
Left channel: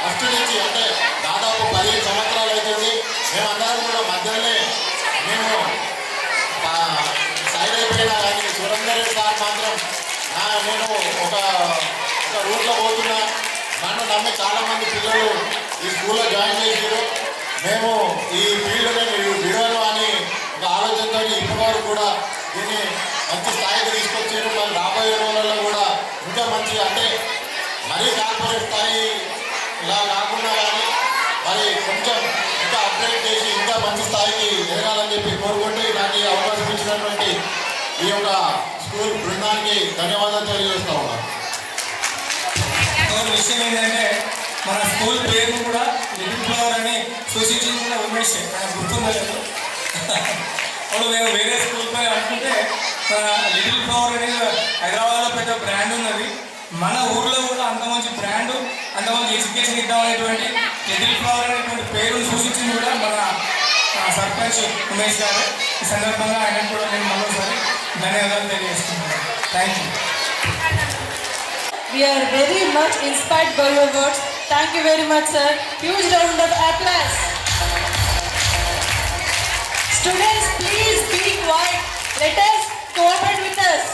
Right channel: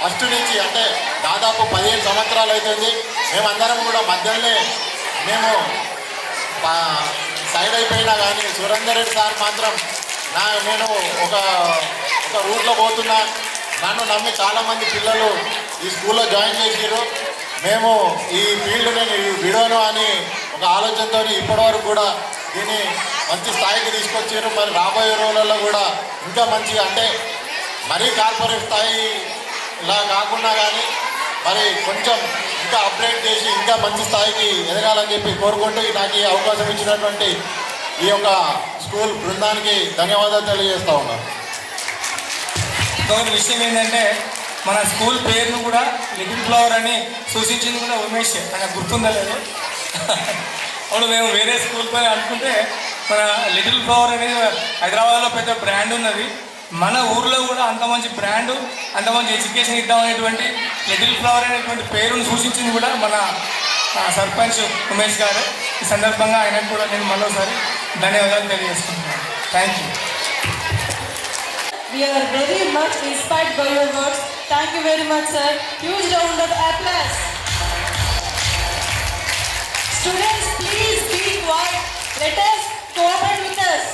ఫస్ట్ నుంచి అంటే దాదాపు 15 సంవత్సరాలు అవుతుంది. మేమందరం కూడా మధ్యలోనే మేము సైడ్ అయిపోయినా కానీ సురేందర్ రెడ్డి సార్ మాత్రం నేను ఒక రూట్లో పోతున్నా, నన్ను నమ్మి చాలామంది పిల్లలు ఈ స్కూల్లో జాయిన్ చేసారు. మేము ఈ ఫీల్డ్ నేను విడవను అని ఒక ఆలోచనతో ఇప్పటివరకు కూడా దీన్ని మంచి స్థాయికి తీసుకొచ్చారు. మరి రాబోయే రోజులలో కూడా ఇంకా మంచి అంటే మరీ కార్పొరేట్ స్థాయి ఇలా కాకుండా కానీ మరి కొంచెం ఇంకా అప్డేట్ చేసి ఇంకా మంచి స్థాయికి ఎదగాలని చెప్పి కోరుకుంటూ నాకు ఈ అవకాశం ఇచ్చినటువంటి ఈ యొక్క స్కూల్ బృందానికి ధన్యవాదాలు తెలియజేస్తా ఉన్నాను. విషయం ఏంటంటే మన స్కూల్ పేరును కూడా లిటిల్ ఫ్లవర్ అని సూచించింది కూడా ఉమేష్, నాకు గుర్తుందా లేదు. అప్పుడు మేము వేరే స్కూల్తో అనుకుంటే మన లిటిల్ ఫ్లవర్ అనేది హైదరాబాద్లో పెద్ద బ్రాండ్ ఉన్నది. మన ఊర్లో కూడా అంత మంచి బ్రాండు, అంత మంచి ఎడ్యుకేషన్ ఇద్దామనేటువంటి లిటిల్ ఫ్లవర్ అనేటువంటి పేరును సూచించింది కూడా మన సర్పంచ్ ఉమేష్ గారు. ఈ సందర్భంగా ఆయనకు కూడా నేను మరోసారి ధన్యవాదాలు తెలియజేస్తున్నాను. Thank you. We are very much inspired by your words. Thank you very much, sir. Huge round of applause. Students, please be quiet. Let us cooperate with us.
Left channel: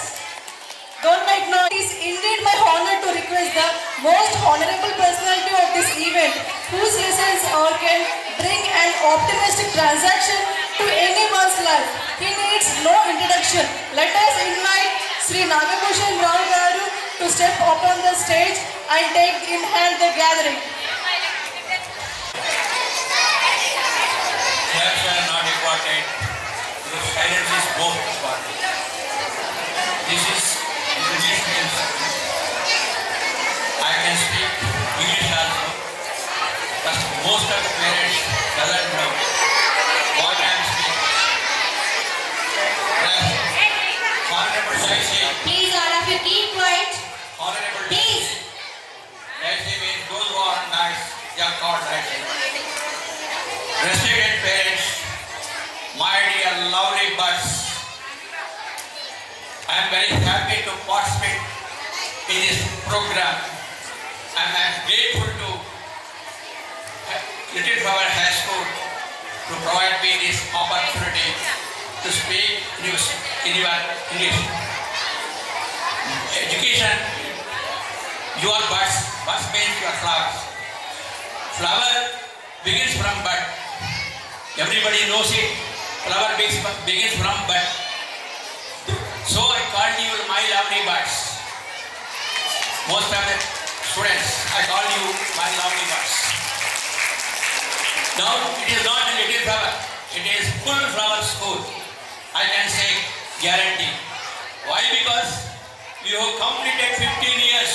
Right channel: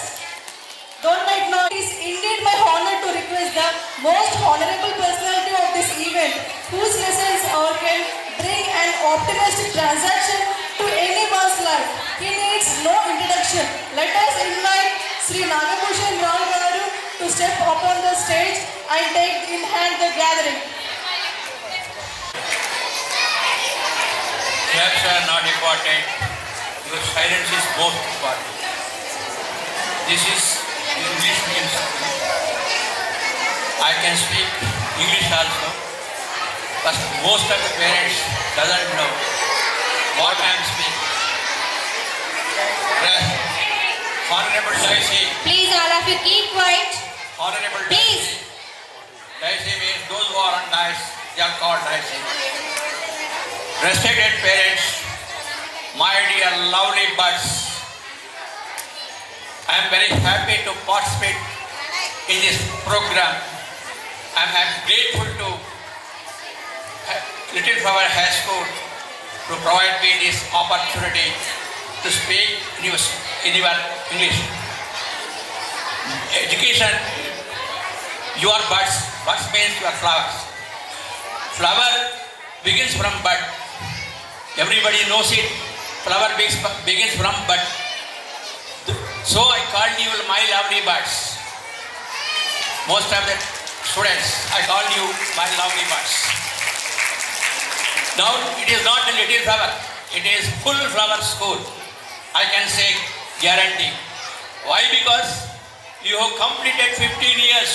Don't make noise. It is indeed my honor to request the most honorable personality of this event, whose lessons can bring an optimistic transaction to anyone's life. He needs no introduction. Let us invite Sri Nagabhushan Rao Garu to step upon the stage and take in hand the gathering. Claps are not important, because silence is most important. This is English medium school. I can speak English also, but most of the parents doesn't know what I am speaking. Honorable Daisy. Please, all of you, keep quiet. Honorable Please. Daisy means those who are on dice, they are called Daisy. Respected parents, my dear lovely buds, I am very happy to participate in this program. I am grateful to Little Flower High School to provide me this opportunity to speak in your English. Education, you are buds. Buds means you are flowers. Flower begins from bud. Everybody knows it. Flower begins from bud. So I called you my lovely buds. Most of the students, I call you my lovely buds. Now it is not a little flower. It is full flower school. I can say guarantee. Why? Because you have completed 15 years.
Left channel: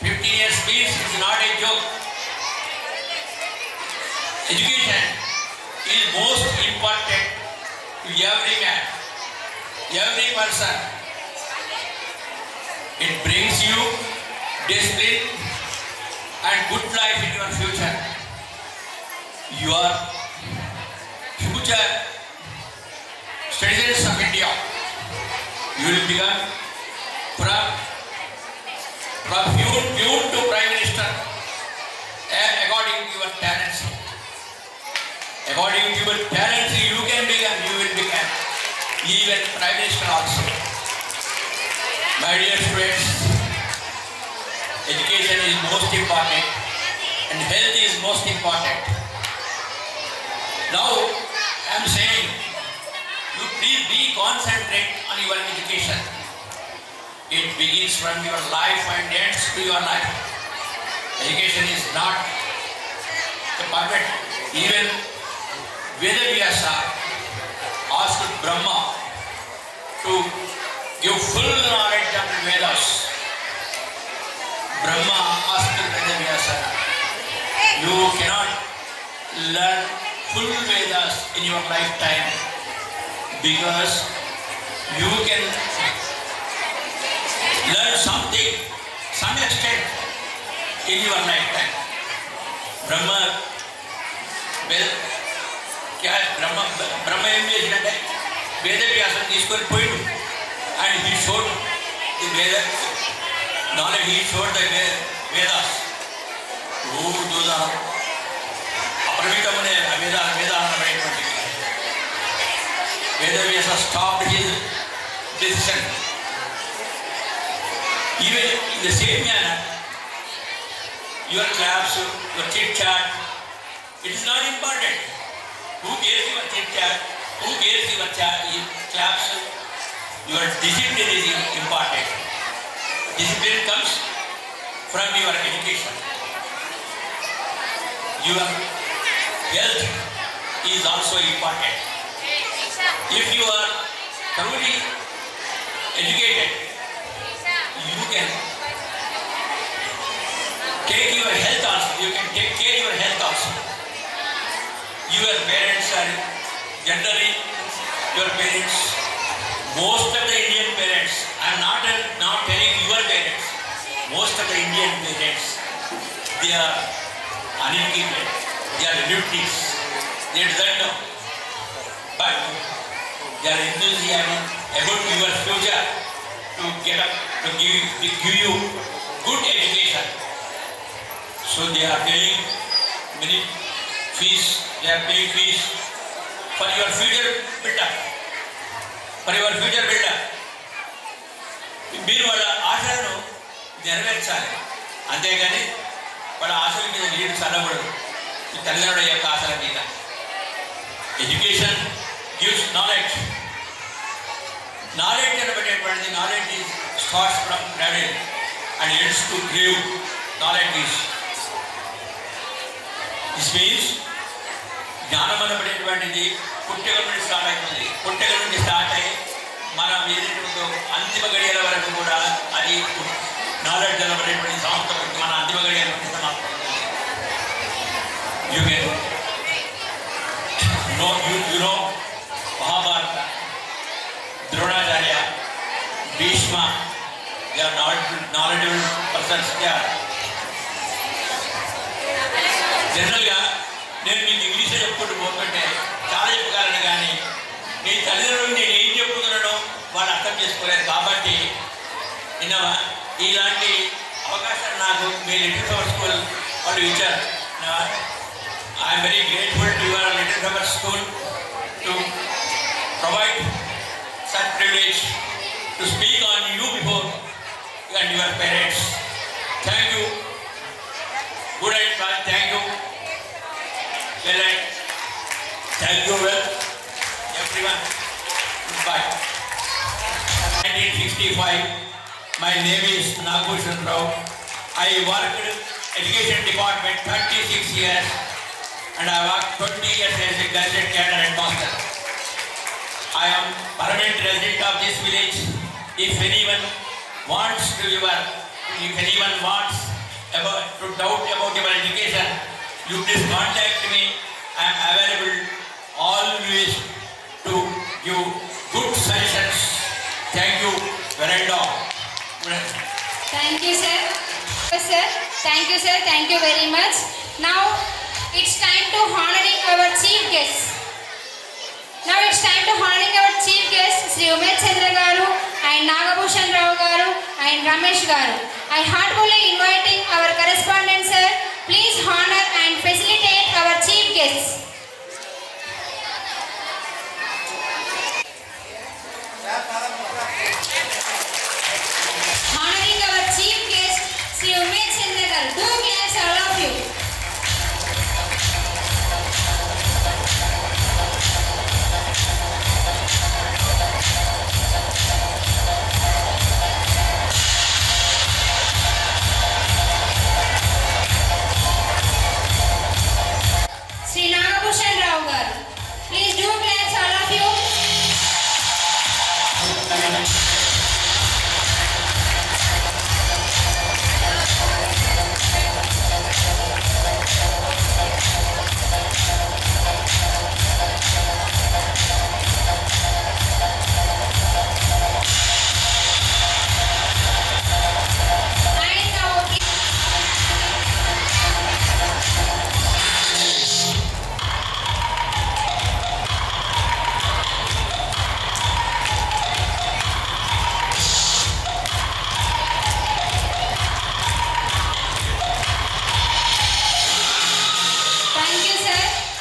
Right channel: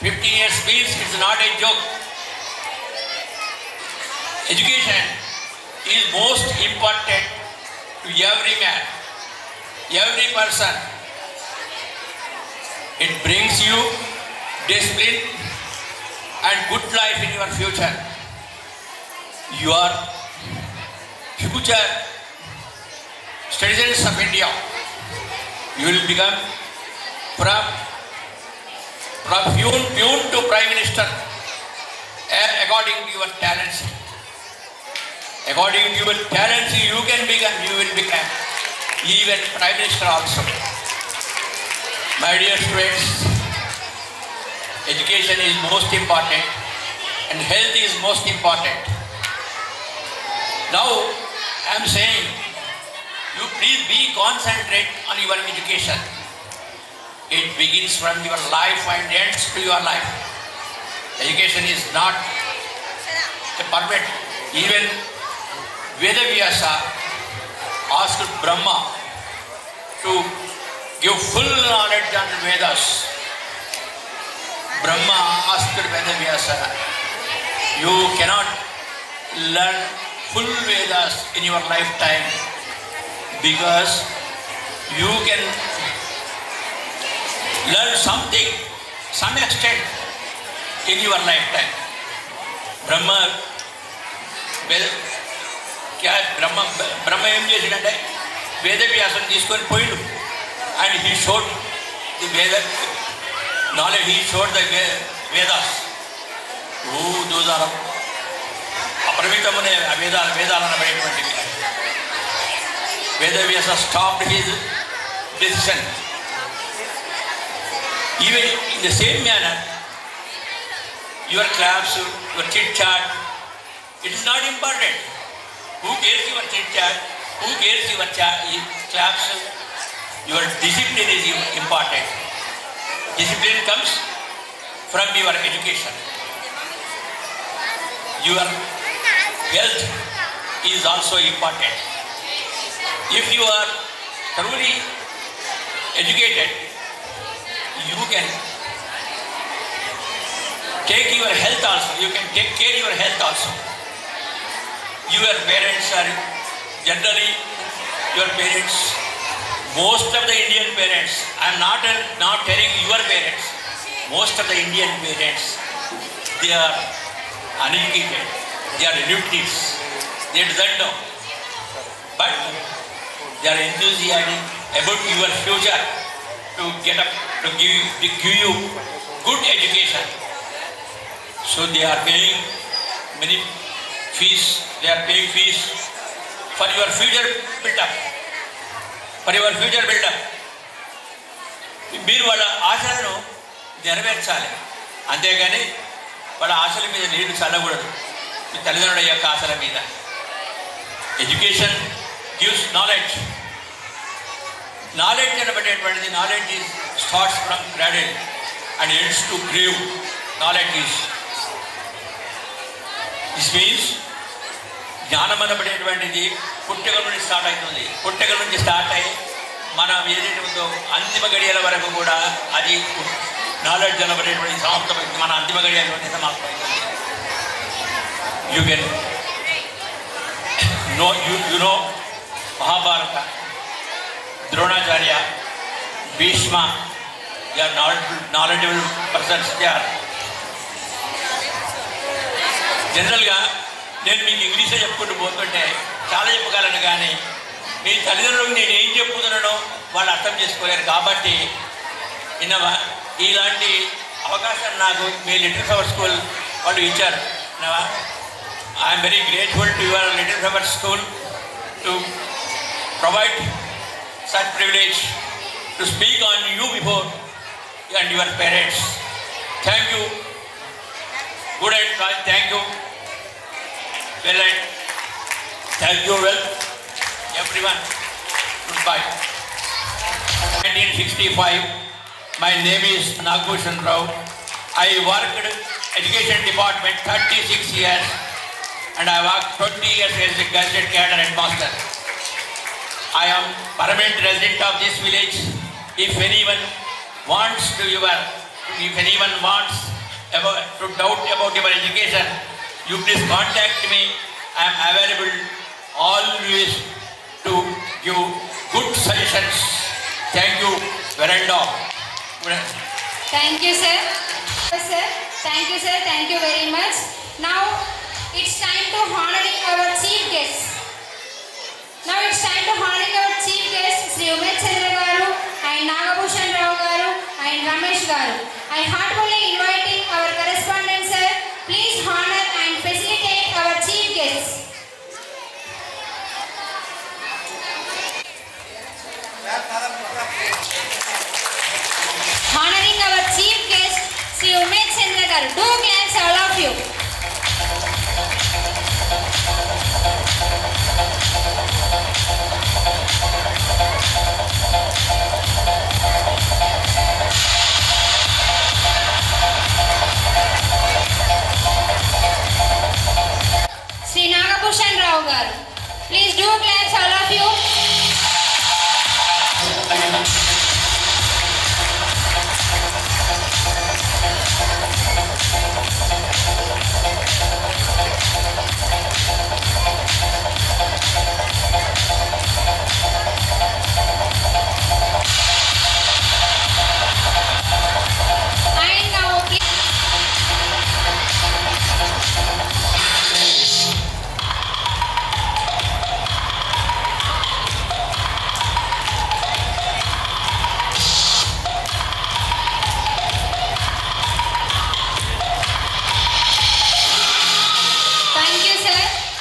15 years means it's not a joke. Education is most important to every man, every person. It brings you discipline and good life in your future. Your future citizens of India, you will become from peon to Prime Minister according to your talents. According to your talents, you will become even Prime Minister also. My dear students, education is most important and health is most important. Now, I am saying, you please be concentrate on your education. It begins from your life and ends to your life. Education is not a permit. Even Vedavyasa asked Brahma to give full knowledge on Vedas. Brahma asked Vedavyasa, you cannot learn full Vedas in your lifetime because you can learn something, some extent in your lifetime. Brahma, Brahma ఏం చేసినట్టే వేదవ్యాసం తీసుకొని పోయిండు and he showed the Veda knowledge, he showed the Vedas. Those are అపరిమితమనే వేదాలను అనేటువంటి Vedavyasa stopped his decision. Even in the same manner, your claps, your chit chat, it is not important. Who cares your chit chat? Who cares your claps? Your discipline is important. Discipline comes from your education. Your health is also important. If you are thoroughly educated, you can take your health also. You can take care of your health also. Your parents are generally your parents. Most of the Indian parents, I am not telling your parents. Most of the Indian parents, they are uneducated. They are illiterates. They don't know. But they are enthusiastic about your future to get up, to give you good education. So they are paying many fees. They are paying fees for your future build-up. For your future build-up. మీరు వాళ్ళ ఆశలను నెరవేర్చాలి. అంతేగాని వాళ్ళ ఆశల మీద నీరు చల్లకూడదు. మీ తల్లిదండ్రుల యొక్క ఆశల మీద. Education gives knowledge. నాలెడ్జ్ అనబడేటువంటిది knowledge is starts from cradle and ends to grave. Knowledge is this means జ్ఞానం అనబడేటువంటిది పుట్టగల నుండి స్టార్ట్ అవుతుంది. పుట్టగల నుంచి స్టార్ట్ అయ్యి మన ఏదైతే ఉందో అంతిమ గడియల వరకు కూడా అది నాలెడ్జ్ అనబడేటువంటి సమాప్తమైంది. మన అంతిమ గడియల నుండి సమాప్తమైంది. You can you know Mahabharata, Dronacharya, Bhishma, they are knowledgeable persons. They are జనరల్గా నేను మీకు ఇంగ్లీషే చెప్పుకుంటూ పోతుంటే చాలా చెప్పగలను, కానీ మీ తల్లిదండ్రులకు నేను ఏం చెప్పుతున్నానో వాళ్ళు అర్థం చేసుకోలేరు. కాబట్టి విన్నవా, ఇలాంటి అవకాశాలు నాకు మీ లిటిల్ ఫ్లవర్ స్కూల్ వాళ్ళు ఇచ్చారు. విన్నవా, I'm very grateful to your little flower school to provide such privilege to speak on you before and your parents. Thank you. Good and thank you. Well, thank you well, everyone. Goodbye. 1965. My name is Nagbhushan Rao. I worked education department 36 years, and I worked 20 years as a gadget cadre headmaster. I am permanent resident of this village. If anyone wants to doubt about your education, you please contact me. I am available always to give good suggestions. Thank you, Veranda. Thank you, sir. Sir, thank you, sir. Thank you very much. Now it's time to honoring our chief guest. Sri Umesh Chandra garu and Nagbhushan Rao garu and Ramesh garu. I heartily inviting our correspondent sir. Please honor and facilitate our chief guests. Honoring our chief guest, Sri Umesh Chandra garu. Do claps all of you. Sri Nagbhushan Rao garu. Please do claps all of you. And now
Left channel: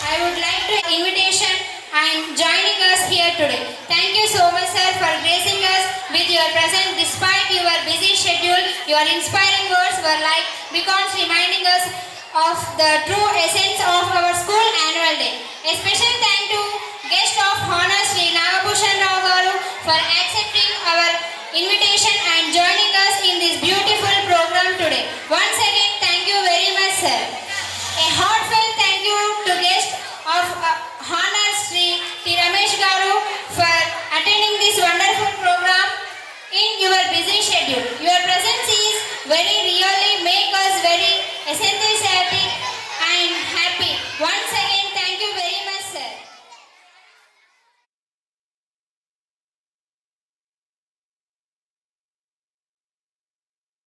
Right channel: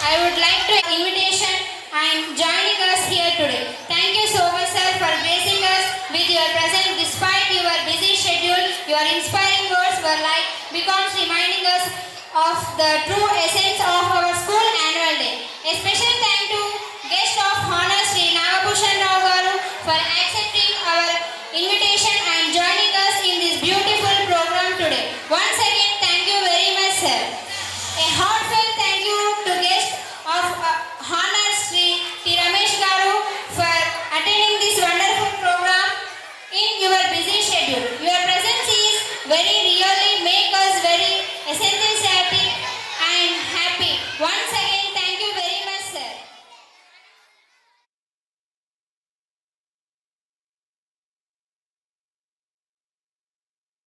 I would like to invitation and joining us here today. Thank you so much, sir, for gracing us with your presence despite your busy schedule. Your inspiring words were like beacons reminding us of the true essence of our school annual day. A special thank to guest of honor Sri Nagabhushan Rao Garu for accepting our invitation and joining us in this beautiful program today. Once again, thank you very much, sir. A heartfelt thank you to guest of honor Sri T. Ramesh Garu for attending this wonderful program in your busy schedule. Your presence is very really make us very enthusiastic and happy. Once again,